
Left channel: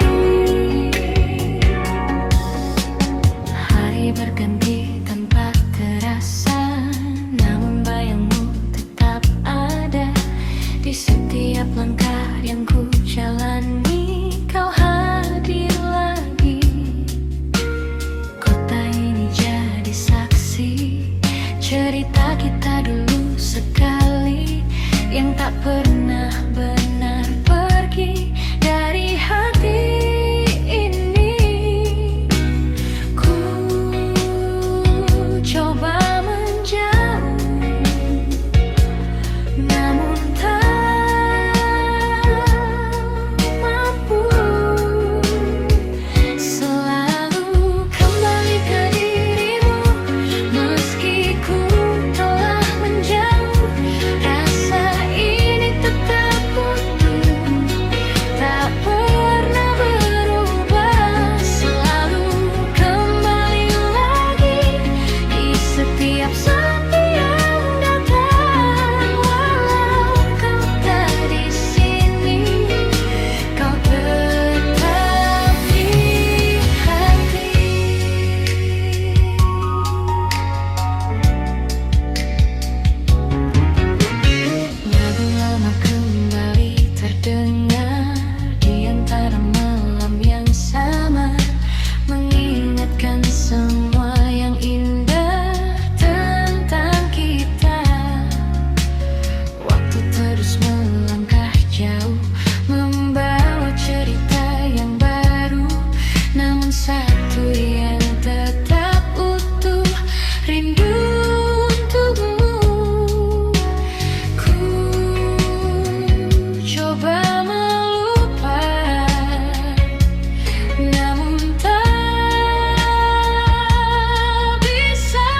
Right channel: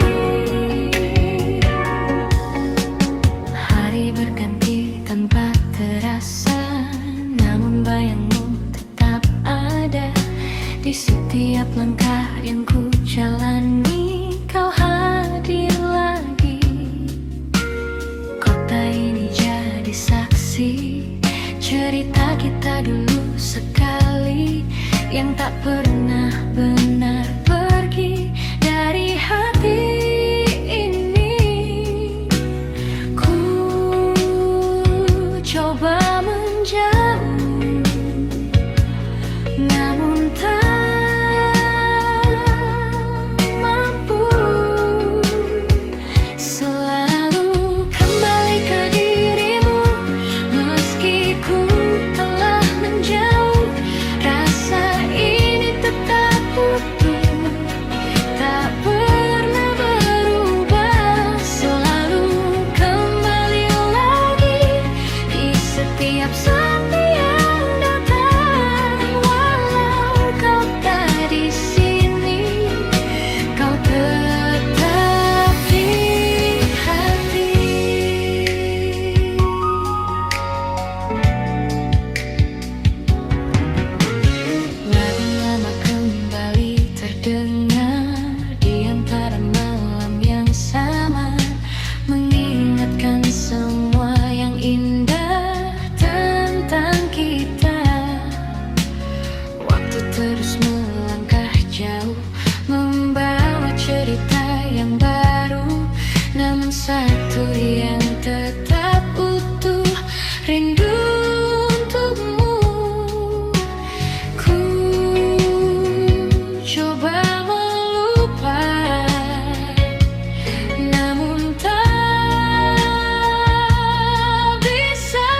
Hari berganti tanpa terasa, namun bayangmu tetap ada di setiap langkah yang ku jalani. Kau hadir lagi, kota ini jadi saksi cerita kita dulu sekali, yang tak pernah benar pergi dari hati ini. Ku coba menjauh, namun tak mampu. Selalu kembali ke dirimu, meski ku telah menjauh. Rasa ini tetap utuh, tak pernah berubah. Selalu kembali lagi di setiap sepi yang datang. Walau kau tak di sini, kau tetap di hati. Lagu lama kembali terdengar di antara malam yang samar, mengingatkan semua yang indah tentang kita. Waktu terus melangkah jauh, membawa cerita yang baru, namun satu yang tetap utuh, rindu untukmu. Ku coba melupakan, namun tak bisa.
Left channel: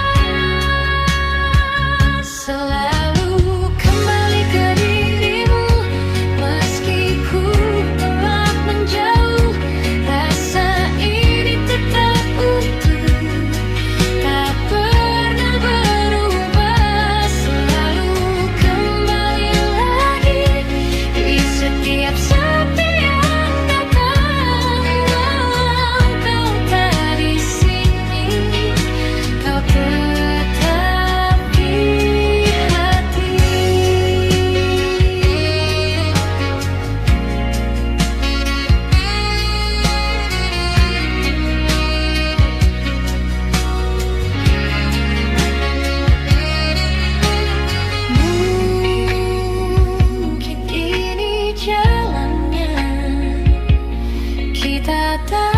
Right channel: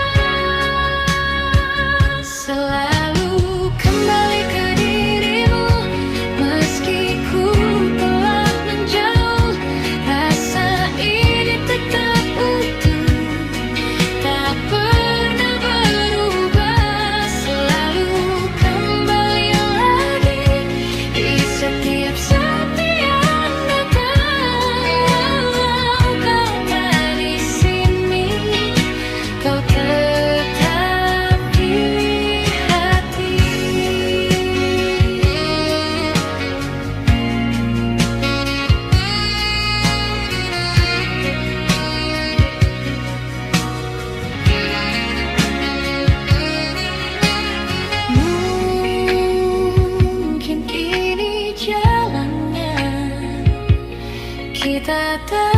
Selalu kembali ke dirimu, meski ku telah menjauh. Rasa ini tetap utuh, tak pernah berubah. Selalu kembali lagi di setiap sepi yang datang. Walau kau tak di sini, kau tetap di hati. Mungkin ini jalannya, kita tak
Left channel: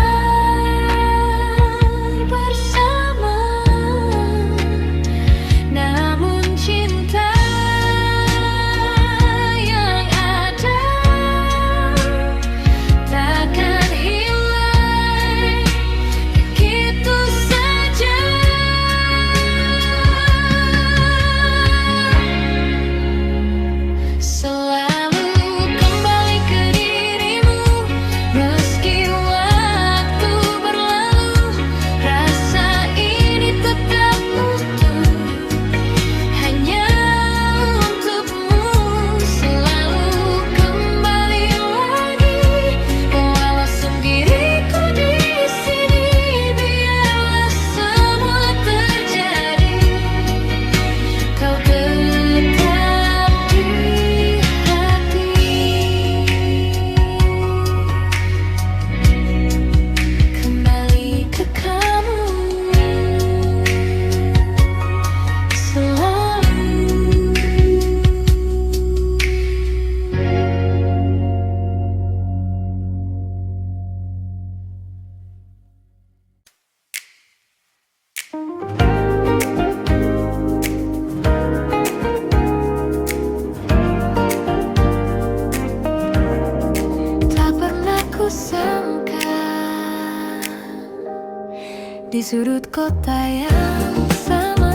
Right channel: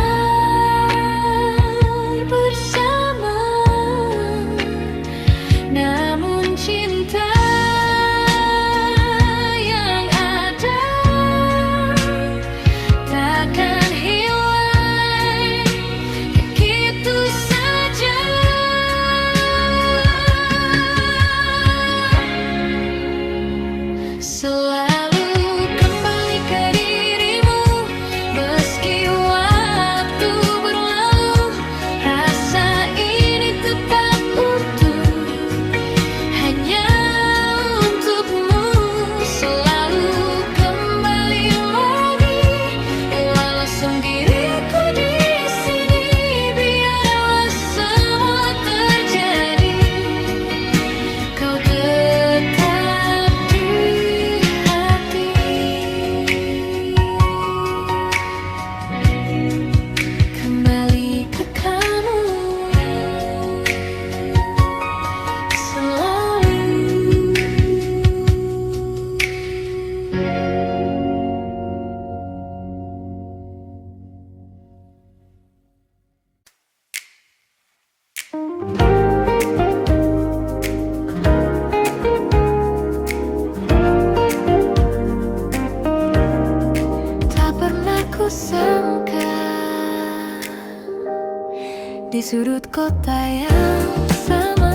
bersama, namun cinta yang ada takkan hilang. Kita aku sangka di sudut kota yang sama,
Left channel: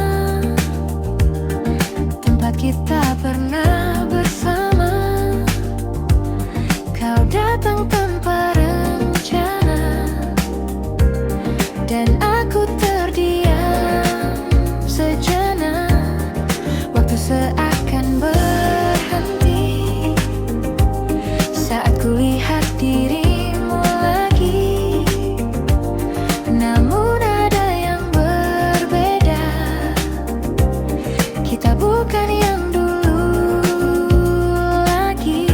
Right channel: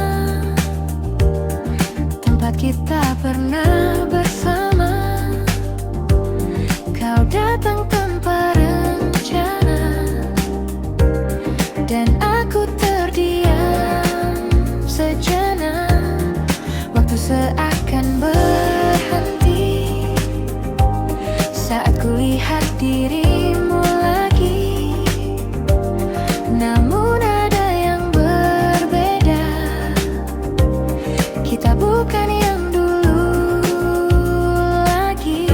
tempat kita pernah bersama, kau datang tanpa rencana, dan aku terdiam sejenak. Waktu seakan berhenti saat kulihat dirimu lagi. Namun ada yang berbeda, kita bukan yang dulu lagi.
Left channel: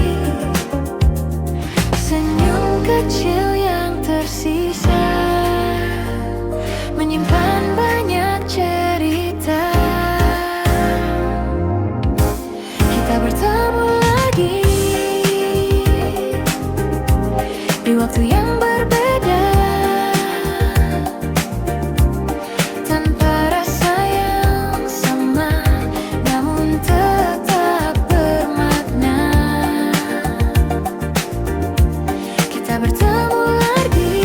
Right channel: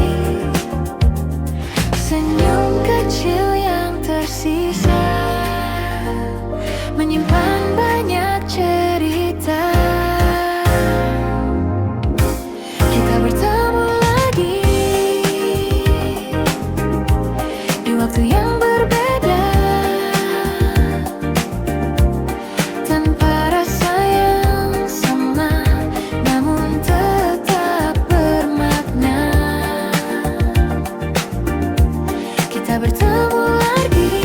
Senyum kecil yang tersisa menyimpan banyak cerita. Kita bertemu lagi di waktu yang berbeda, tanpa rasa yang sama, namun tetap bermakna. Kita bertemu lagi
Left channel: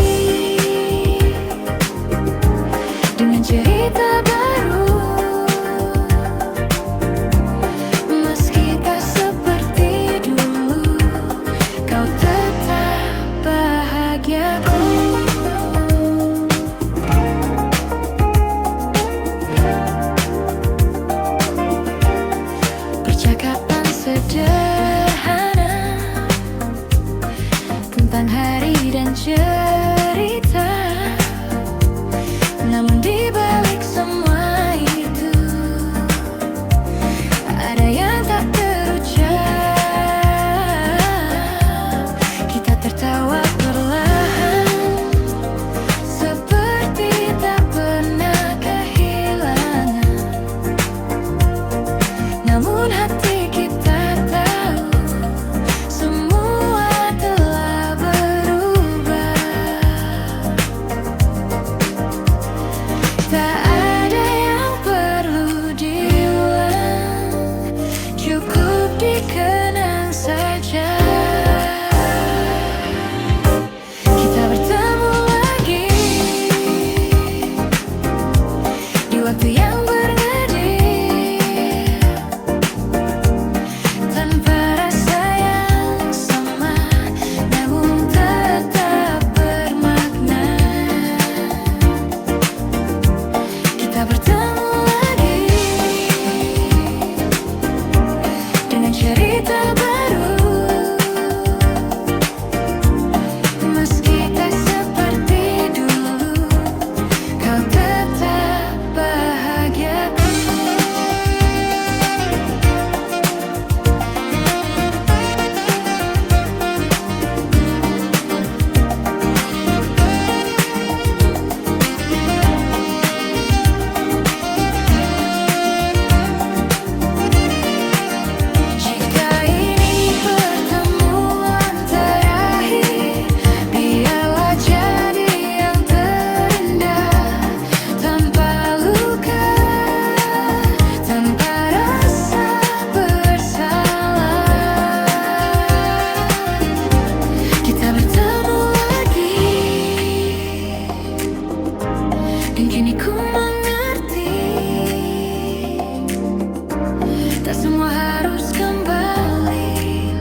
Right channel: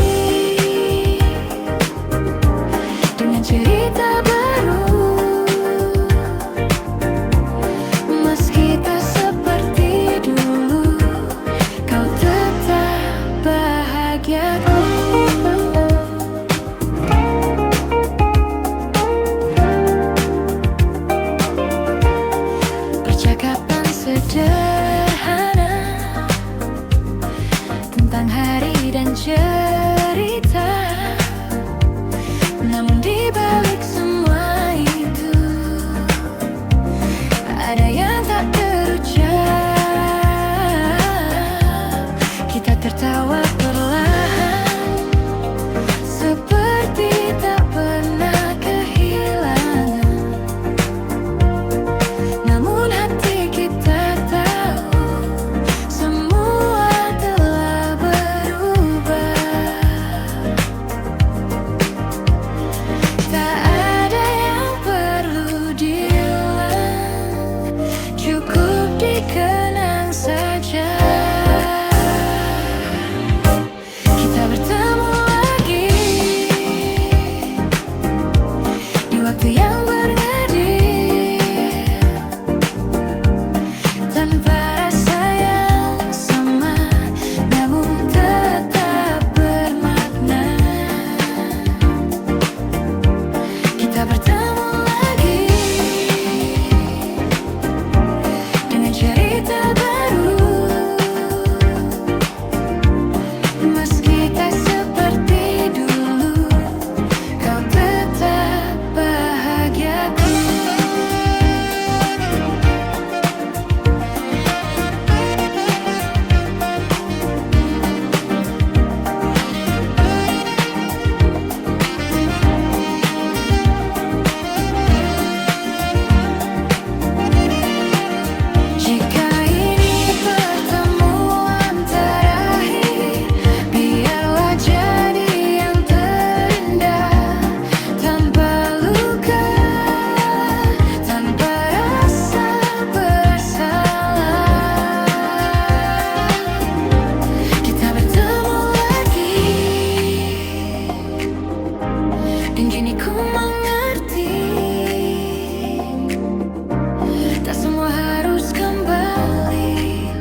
dengan cerita baru, meski tak seperti dulu, kau tetap bahagiaku. Percakapan sederhana tentang hari dan cerita, namun di balik semua itu ada yang tak terucap. Kita tertawa perlahan, seperti tak pernah kehilangan. Namun hati kita tahu semua telah berubah. Tak ada yang perlu diulang, cukup dikenang saja. Kita bertemu lagi di waktu yang berngedip, tanpa rasa yang sama, namun tetap bermakna. Kita bertemu lagi dengan cerita baru, meski tak seperti dulu, kau tetap bahagiaku. Jika ini pertemuan terakhir, biarlah jadi yang terindah, tanpa luka, tanpa rasa bersalah. Kita bertemu lagi, dan kini ku mengerti, tak semua harus kembali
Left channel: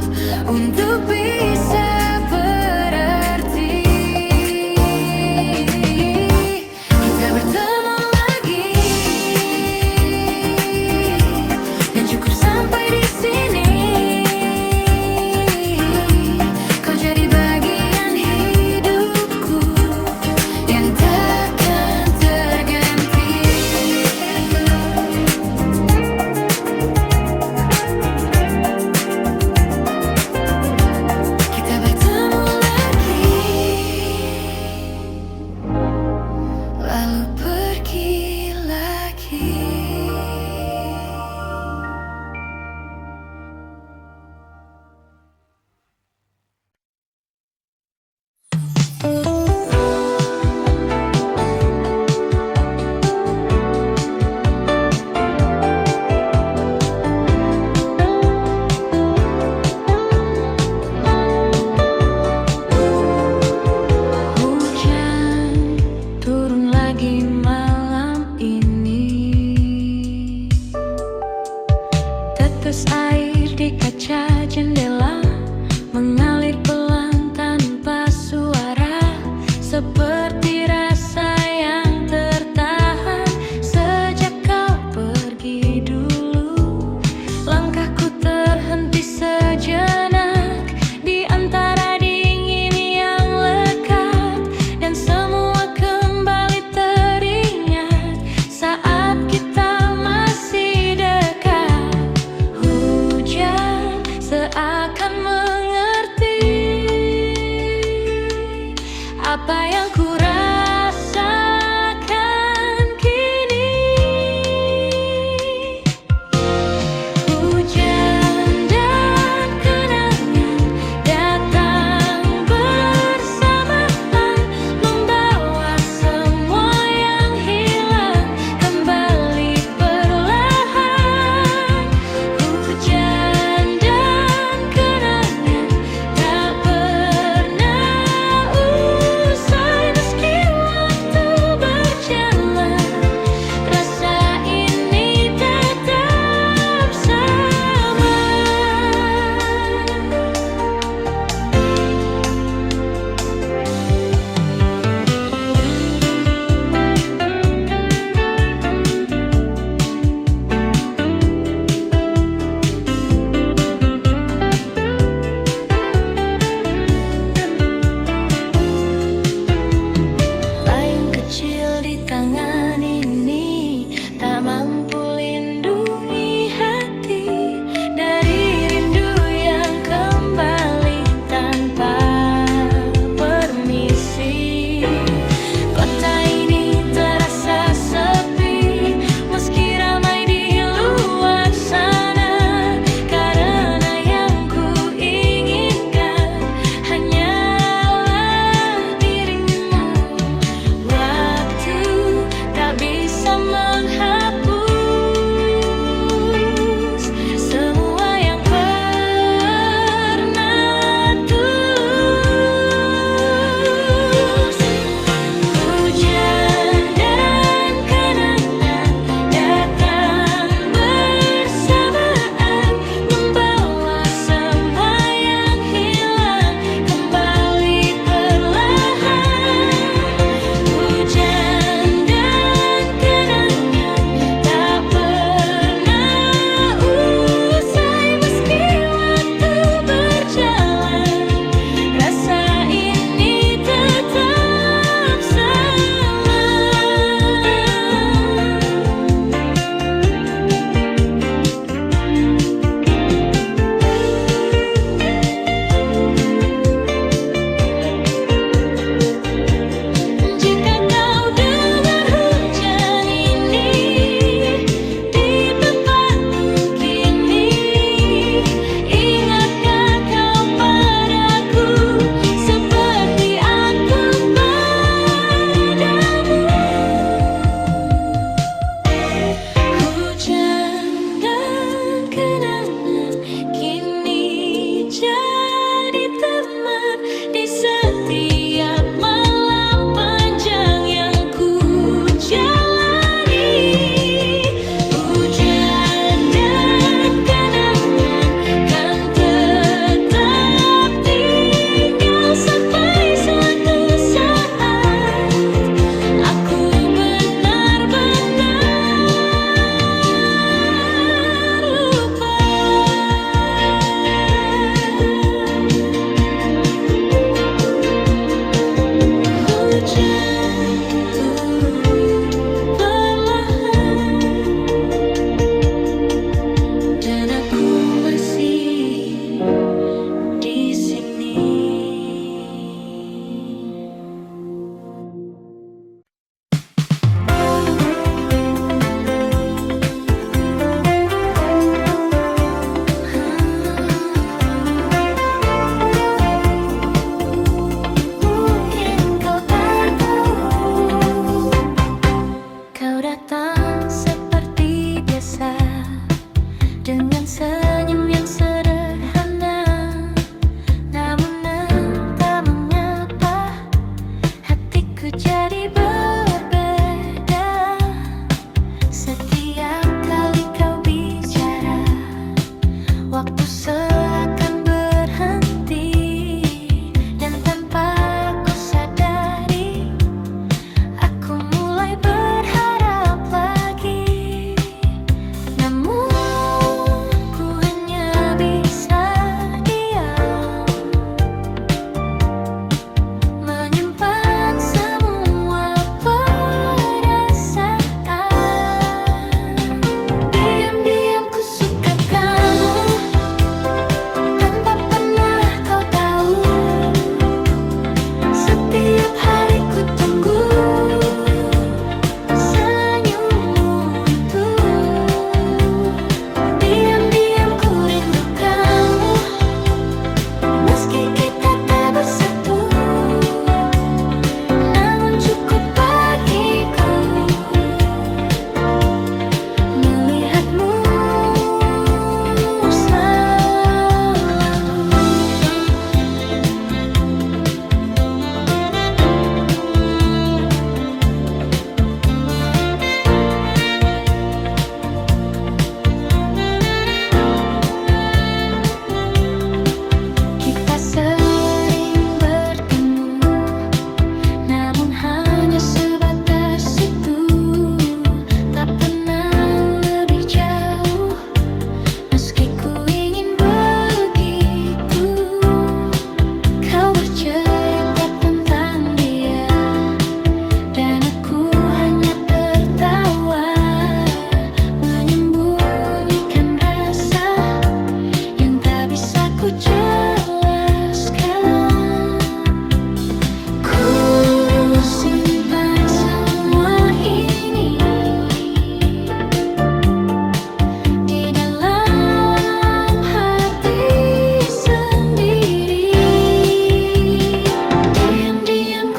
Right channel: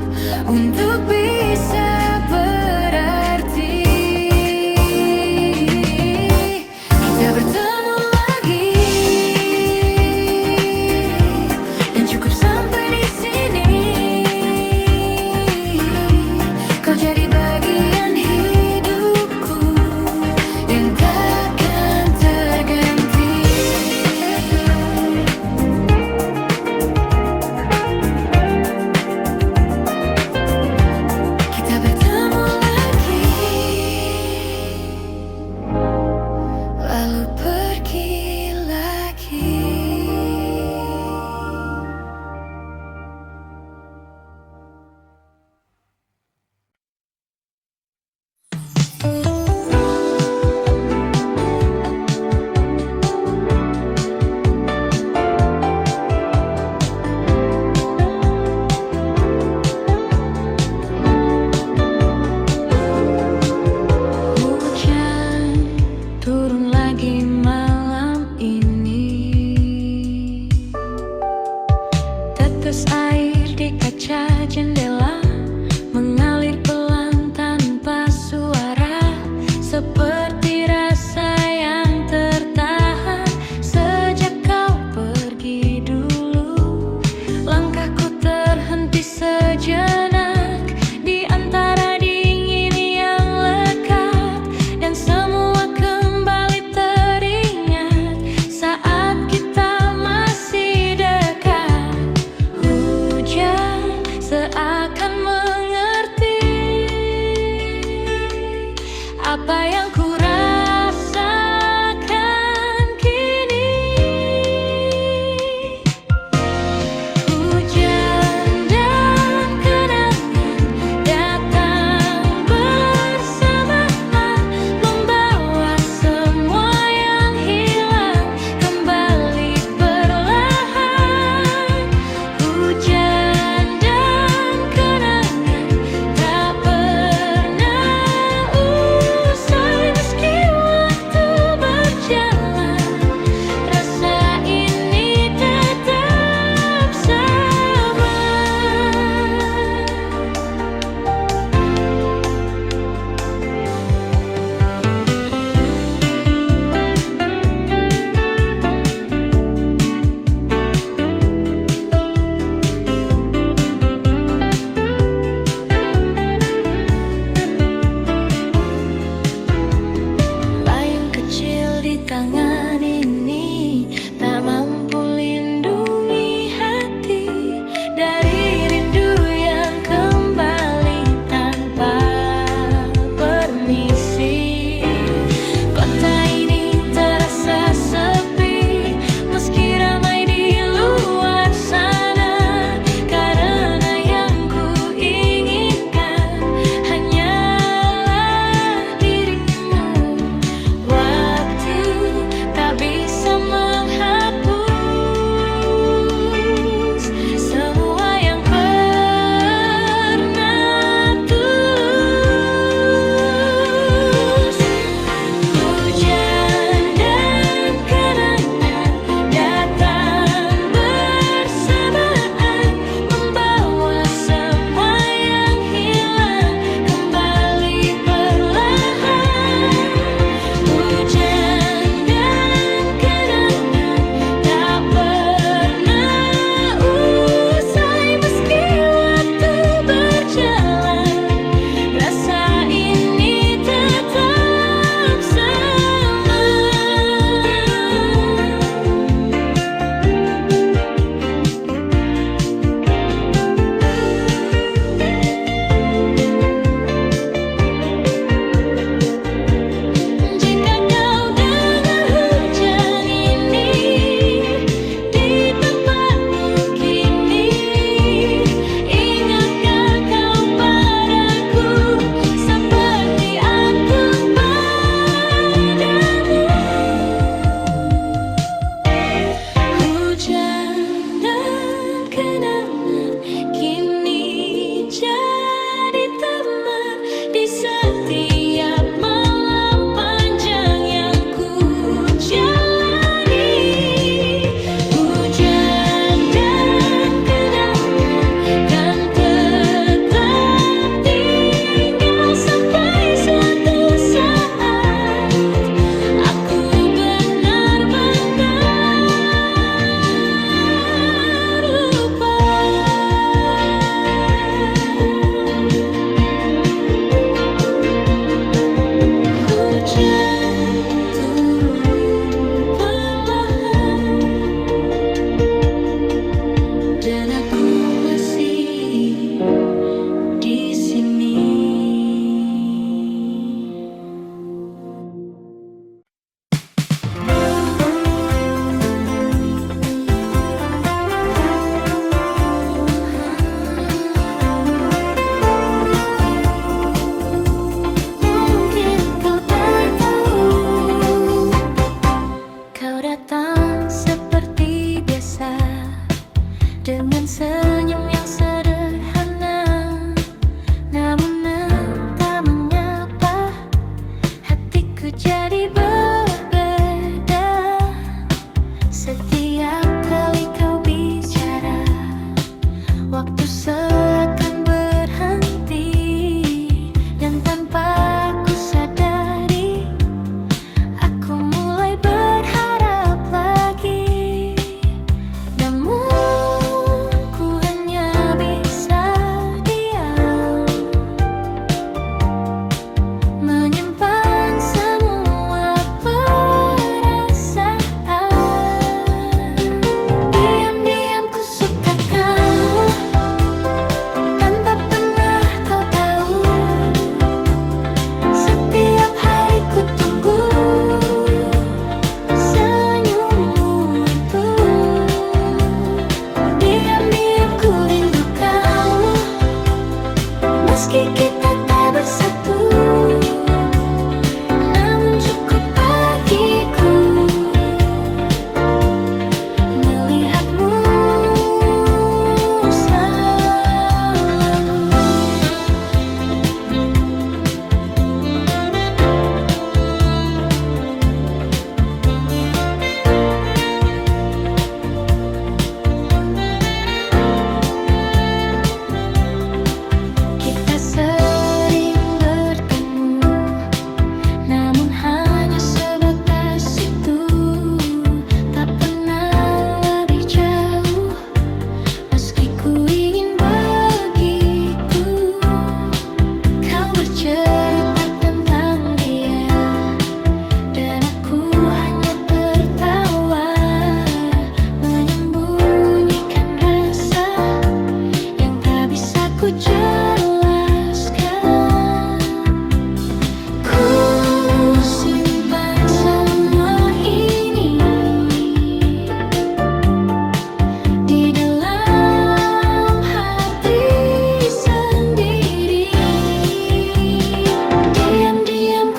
untuk bisa berarti. Kita bertemu lagi, dan cukup sampai di sini. Kau jadi bagian hidupku yang takkan terganti. Kita bertemu apa yang ku rasakan kini. Hujan dan kenangan datang bersamaan, membawa semua yang hilang kembali perlahan. Hujan dan kenangan tak pernah usai meski waktu berjalan. Rasa ini tetap sama. Payung kecil di tangan ini tak mampu lindungi hati dari rindu yang kembali tanpa permisi. Kota ini terasa sepi meski ramai di luar sana, karena yang ku inginkan hanyalah dirimu. Waktu tak bisa menghapus semua yang pernah tulus. Hujan dan kenangan datang bersamaan, membawa semua yang hilang kembali perlahan. Hujan dan kenangan tak pernah usai meski waktu berjalan. Rasa ini tetap sama. Jika kau dengar hujan ini di tempatmu kini, ingatkah kau padaku seperti aku padamu? Hujan dan kenangan kini jadi teman di setiap malam panjang yang ku jalani. Hujan dan kenangan kan tetap tinggal sampai suatu saat aku benar-benar lupa. Hujan turun perlahan dan aku masih di sini. Mungkin kau tak tahu, kau datang seperti biasa dengan senyum yang sederhana, namun entah mengapa hatiku jadi berbeda. Setiap kali kau bicara, waktu seakan berhenti, dan tanpa ku sadari aku mulai berharap lagi. Namun ku hanya bisa diam, menyimpan semua perasaan. Diam-diam ku suka kamu tanpa pernah kau tahu. Setiap hari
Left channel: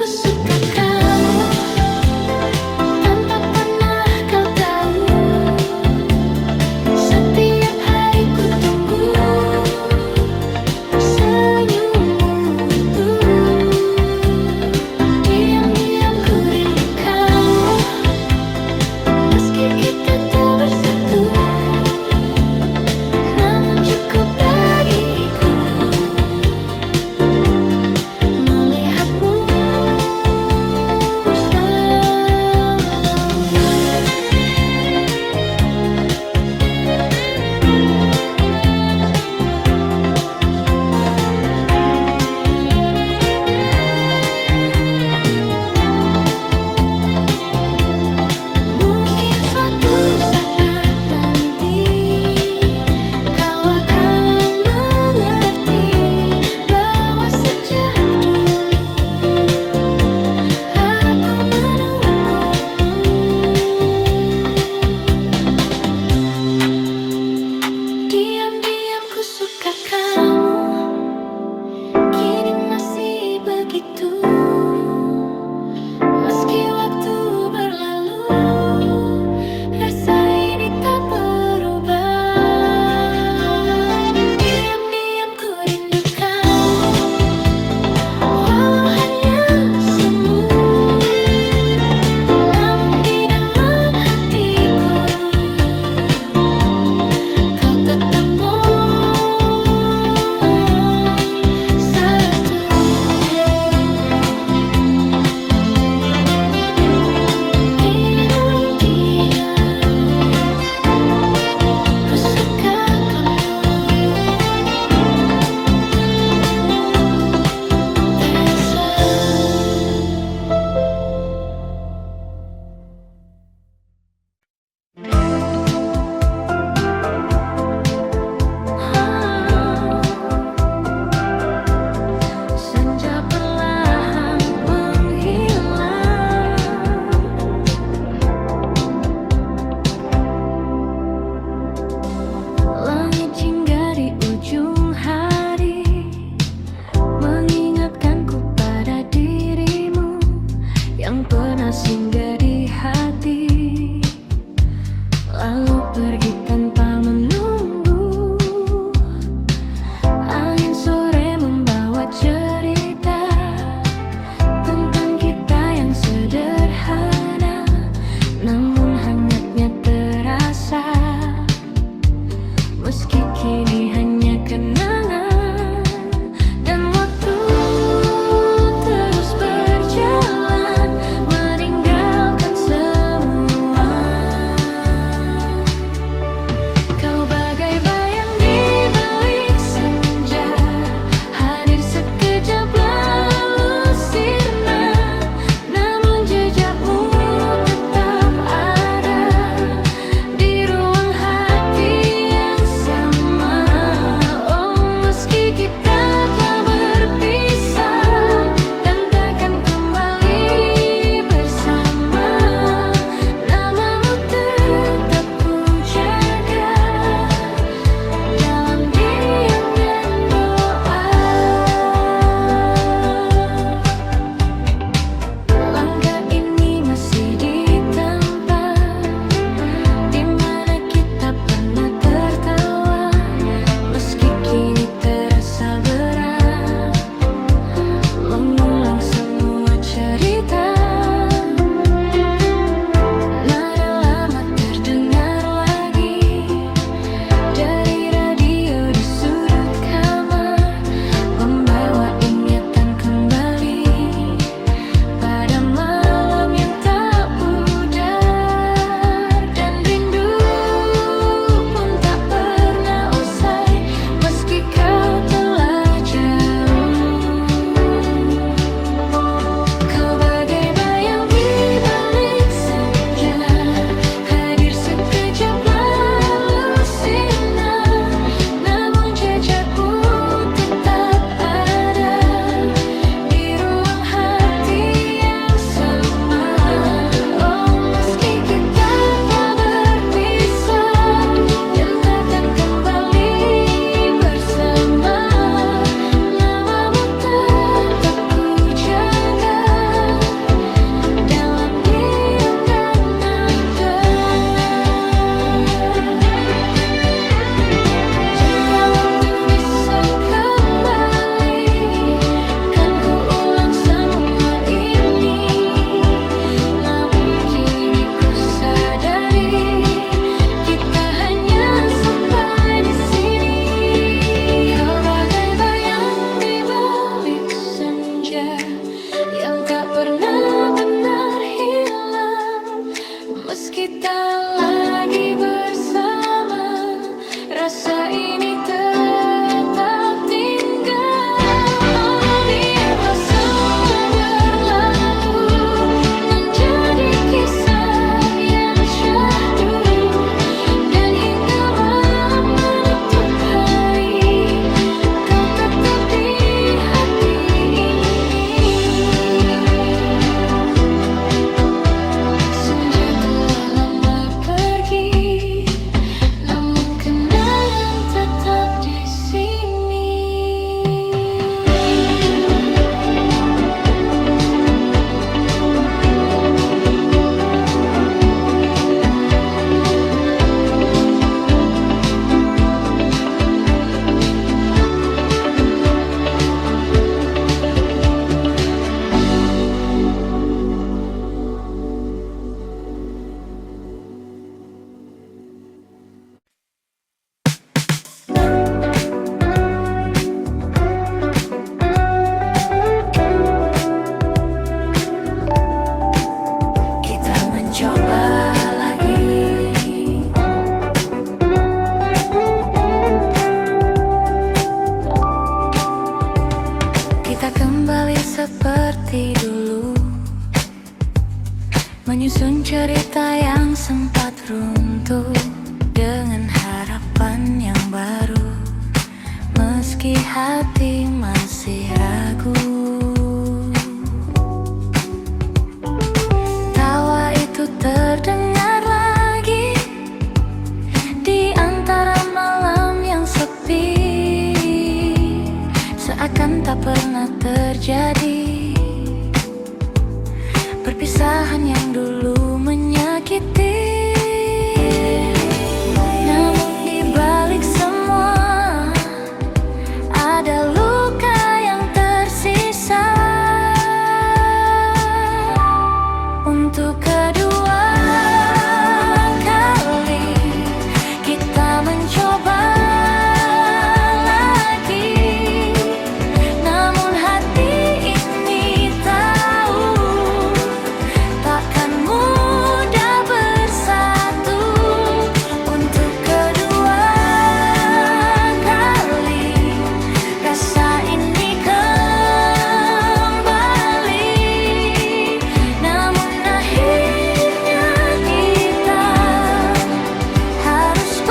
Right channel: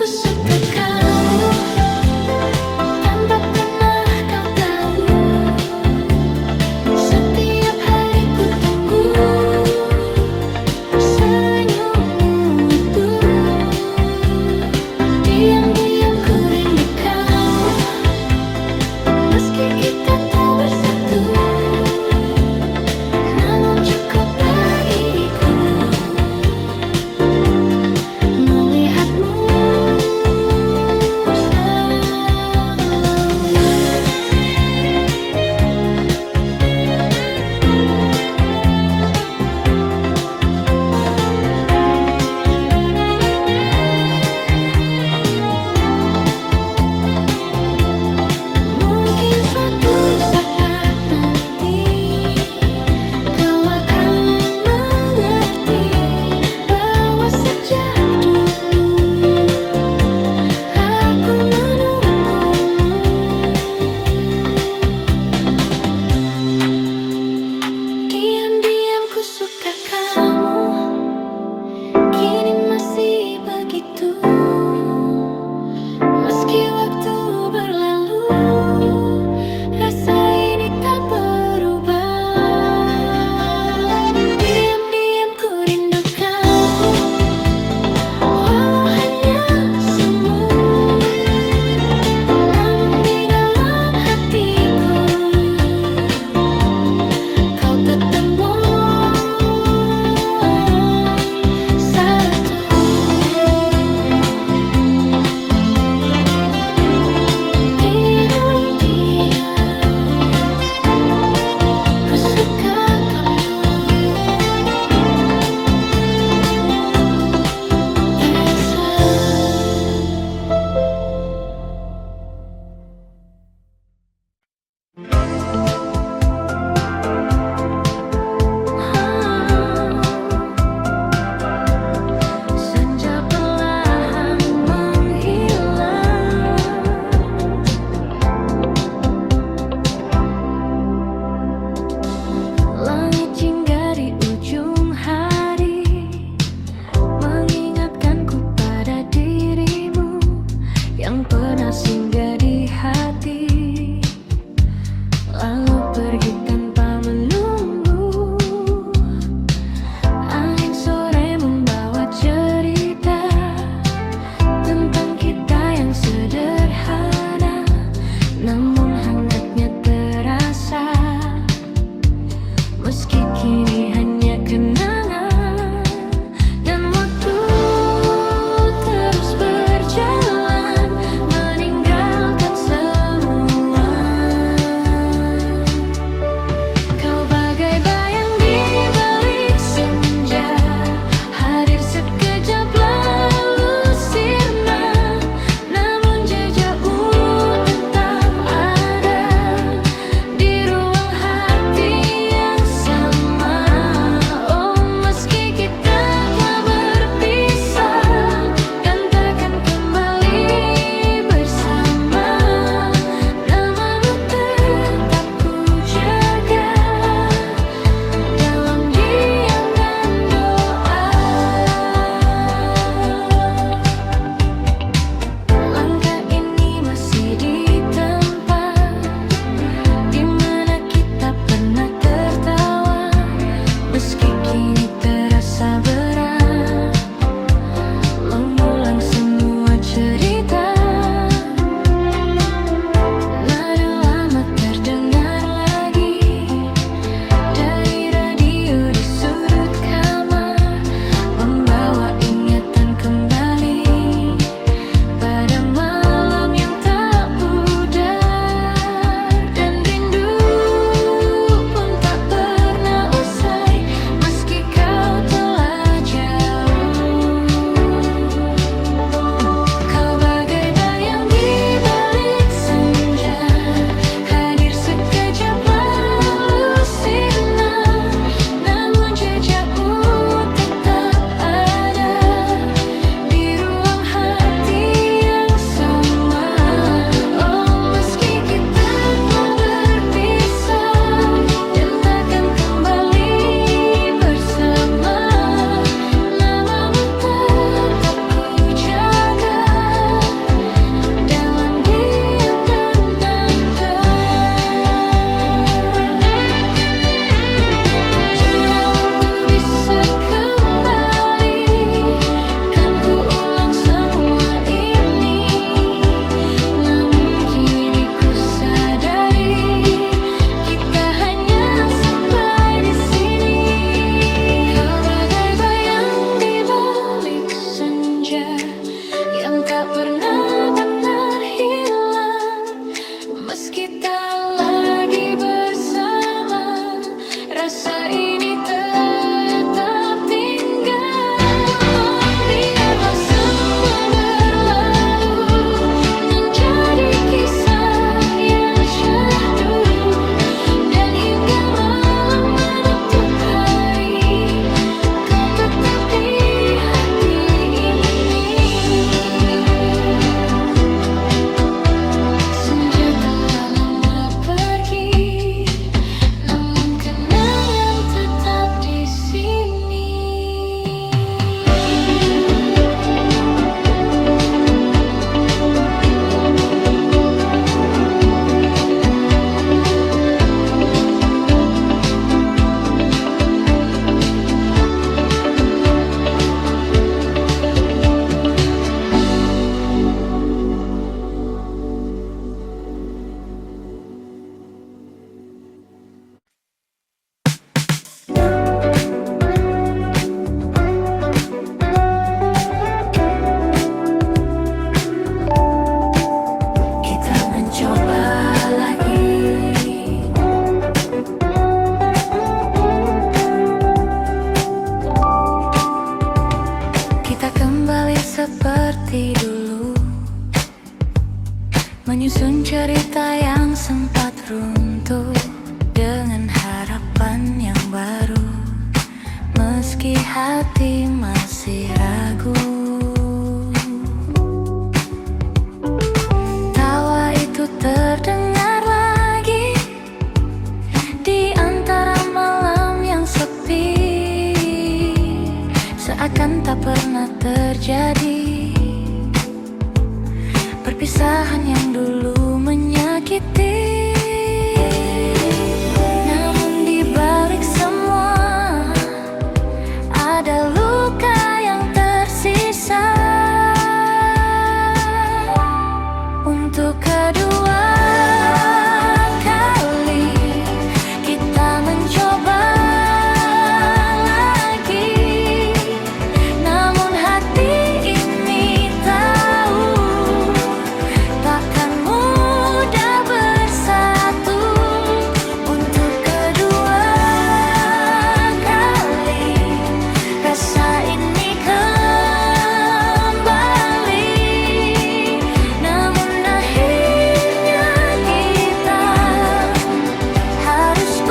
ku suka kamu tanpa pernah kau tahu. Setiap hari ku tunggu senyummu itu. Diam-diam ku rindu kamu, meski kita tak bersatu. Namun cukup bagiku melihatmu selalu. Mungkin suatu saat nanti kau akan mengerti bahwa sejak dulu aku menunggumu. Diam-diam ku suka kamu, kini masih begitu. Meski waktu berlalu, rasa ini tak berubah. Diam-diam ku rindu kamu, walau hanya semu. Namun di dalam hatiku kau tetap satu. Ku suka kamu, Elsa. Senja perlahan menghilang, langit jingga di ujung hari mengingatkanku pada dirimu yang pernah singgah di hati, lalu pergi tanpa menunggu. Angin sore membawa cerita tentang kita yang sederhana, namun hangatnya terasa. Meski kini hanya kenangan, dan waktu terus berjalan meninggalkan semua. Kau bagai bayang di balik senja, hadir sekejap lalu sirna. Namun jejakmu tetap ada di ruang hati yang sama. Oh, meski kita telah berpisah dan takkan kembali bersama, namamu tetap ku jaga dalam diam dan doa. Langkah ini masih di tempat di mana kita pernah tertawa, meski kini terasa berat mengulang semua cerita. Nada lama terdengar lagi dari radio di sudut kamar, membawa ingatan kembali pada malam yang tak pudar. Dan rindu pun tak pernah usai, meski kau telah jauh. Kau yang tak pernah benar hilang. Meski tak lagi bersama, rasa ini tetap tinggal. Oh, biarlah semua berlalu, menjadi kisah yang syahdu. Dan hingga malam menutup hari, kau tetap di hati ini. Senja telah lama pergi, namun kenangan tetap di sini. Kita mencoba lagi, kita kembali seperti dulu, menyusun cerita yang sempat runtuh dengan harapan yang baru. Meski hati masih ragu, tawa itu terdengar lagi di antara malam yang sepi, seakan tak pernah terjadi perpisahan yang dulu menyakiti. Namun di balik semua ada luka yang tersisa. Untuk kedua kali kita mencoba lagi, namun hati ini tahu takkan mudah bersatu. Untuk kedua kali rasa ini kembali, namun akhirnya kita harus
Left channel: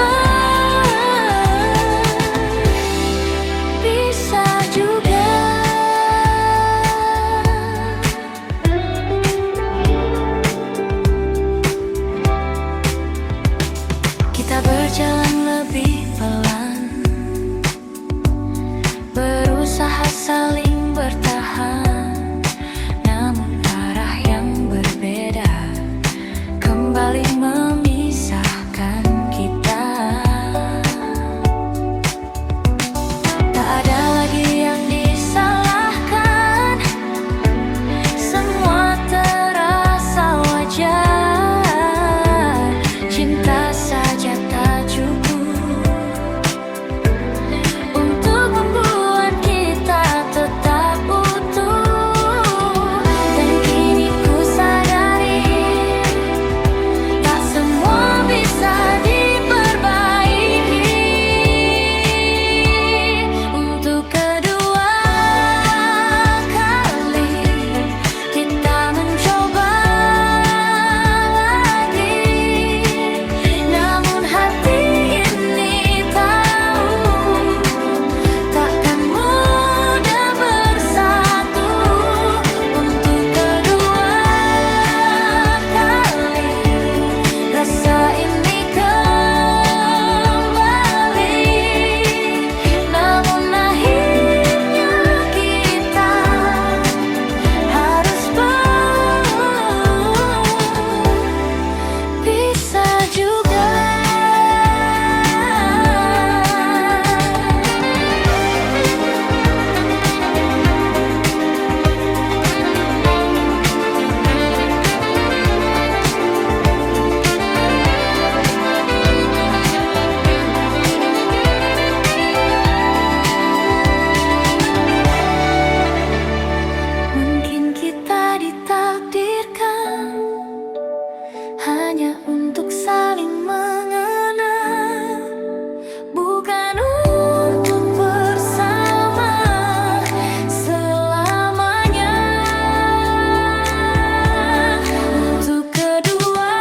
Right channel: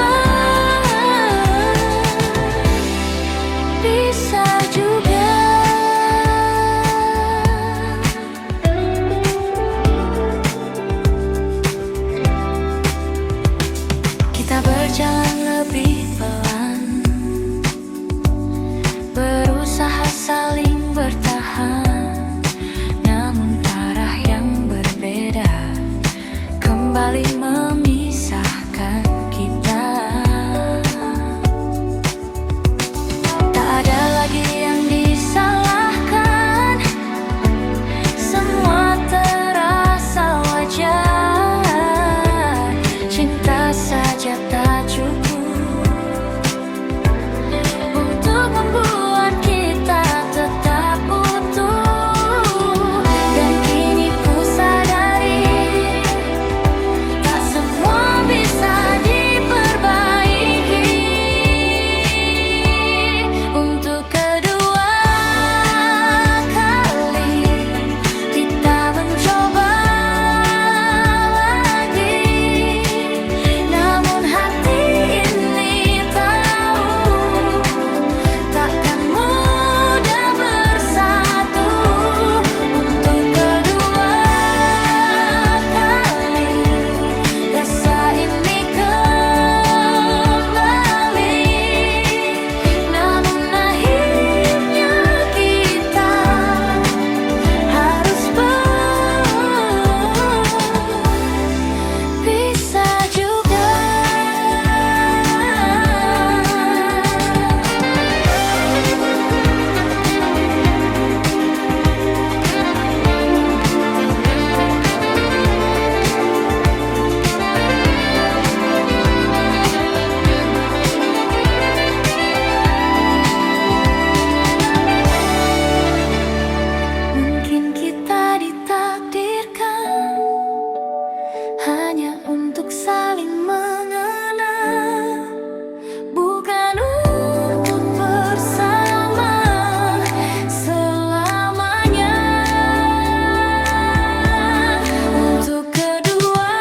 berpisah juga. Kita berjalan lebih pelan, berusaha saling bertahan, namun arah yang berbeda kembali memisahkan kita. Tak ada lagi yang disalahkan, semua terasa wajar. Cinta saja tak cukup untuk membuat kita tetap utuh. Dan kini ku sadari, tak semua bisa diperbaiki. Untuk kedua kali kita mencoba lagi, namun hati Mungkin kita ditakdirkan hanya untuk saling mengenal, bukan untuk bersama selamanya. Untuk kedua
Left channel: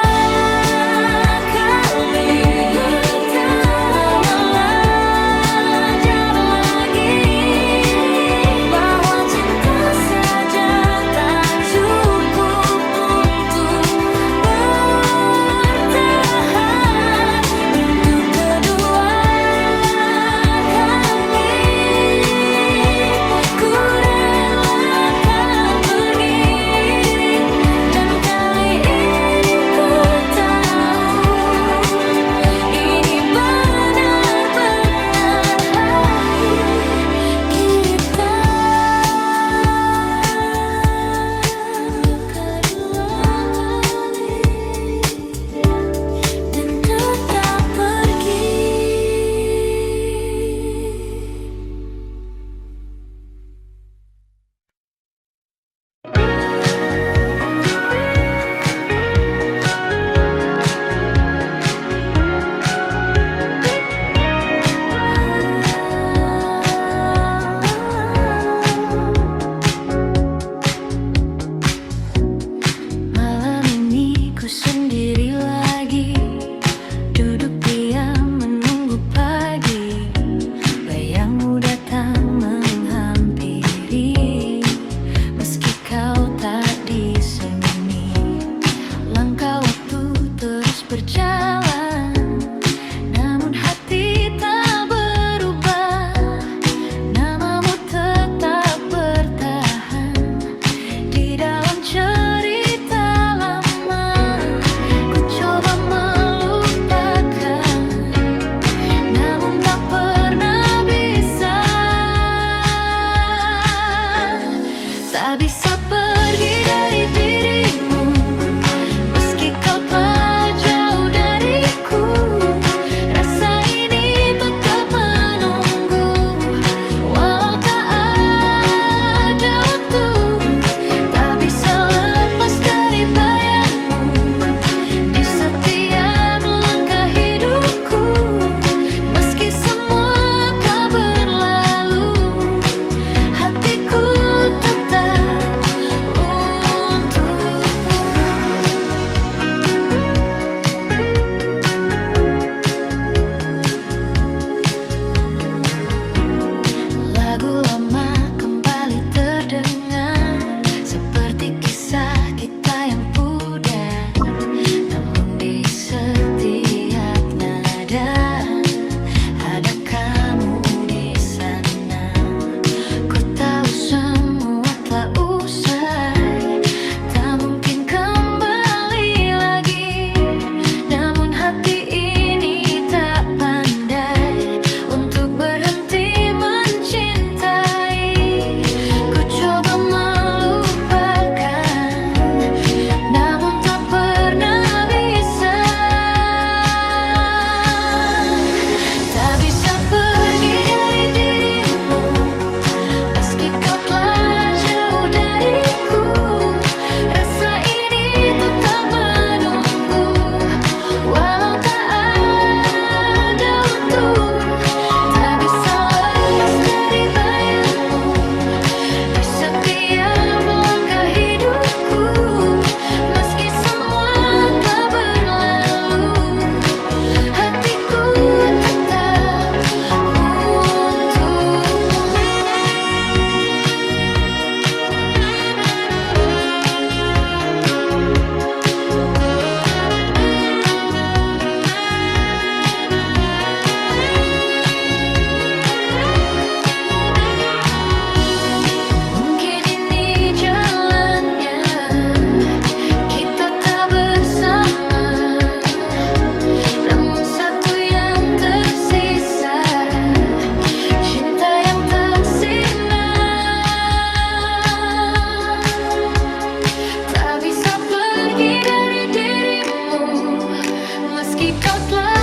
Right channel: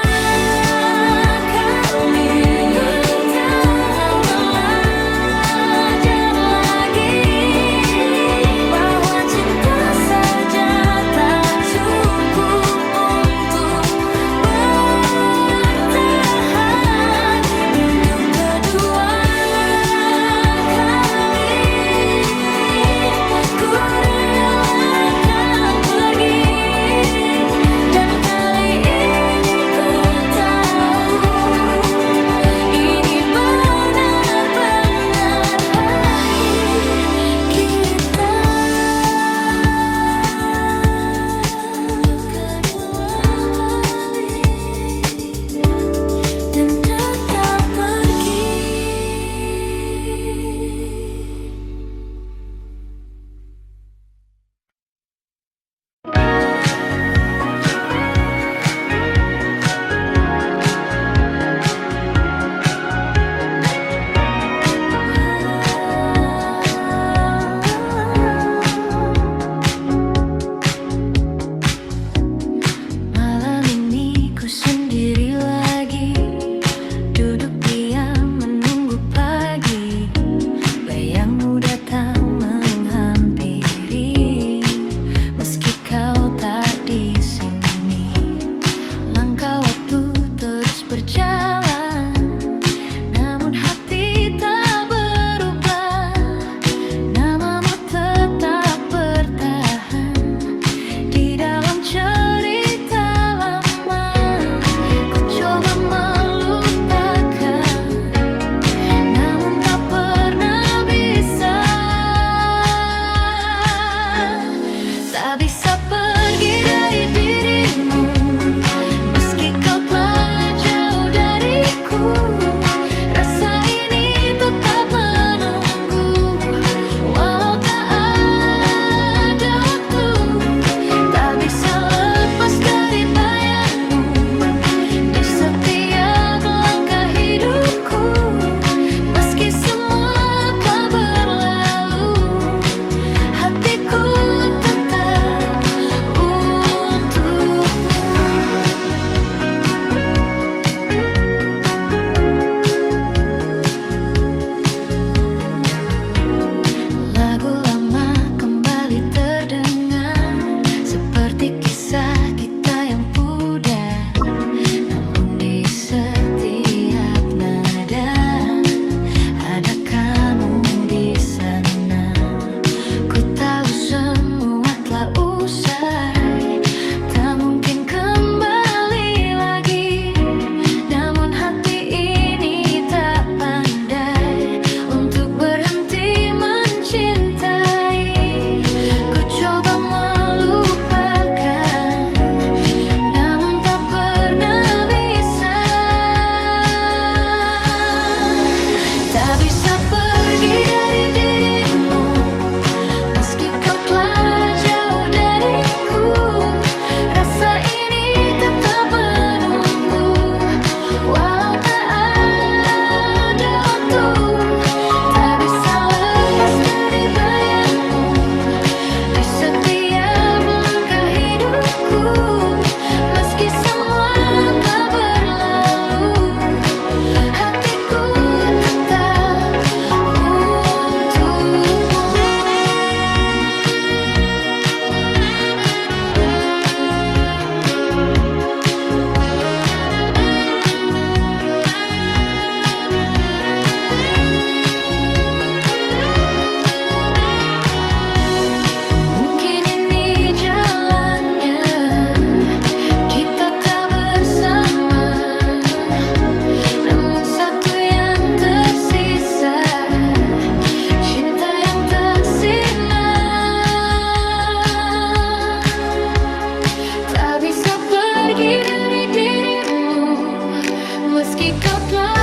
kali untuk belajar lagi bahwa cinta saja tak cukup untuk bertahan. Untuk kedua kali ku relakan pergi, dan kali ini ku tahu ini benar-benar akhir kita. Kedua kali dan tetap pergi. Malam ini ku sendiri lagi, duduk diam menunggu pagi. Bayangmu datang menghampiri, meski kau tak di sini. Langkah waktu terus berjalan, namun hati tak berubah. Namamu tetap bertahan di dalam cerita lama. Ku coba melupakan, namun tak pernah bisa. Tak bisa pergi dari dirimu, meski kau telah jauh dariku. Rasa ini tetap menunggu, walau tak ada waktu. Tak bisa lepas dari bayangmu di setiap langkah hidupku. Meski semua telah berlalu, hatiku tetap untukmu. Lagu lama kembali terdengar, seperti kisah kita yang pudar. Namun di setiap nada ada kamu di sana. Ku tahu semua telah usai, tak mungkin kembali lagi. Namun hati ini tak pandai untuk berhenti mencintai. Ku coba melupakan, namun tak pernah bisa. Tak bisa pergi dari dirimu, meski kau telah jauh dariku. Rasa ini tetap menunggu, walau tak ada waktu. Tak bisa lepas dari bayangmu di setiap langkah hidupku. Meski semua telah berlalu, hatiku tetap untukmu. Mungkin ini jalannya, kita tak bersama. Namun satu yang tersisa, cinta yang tak sirna. Tak bisa pergi dari dirimu, meski kau telah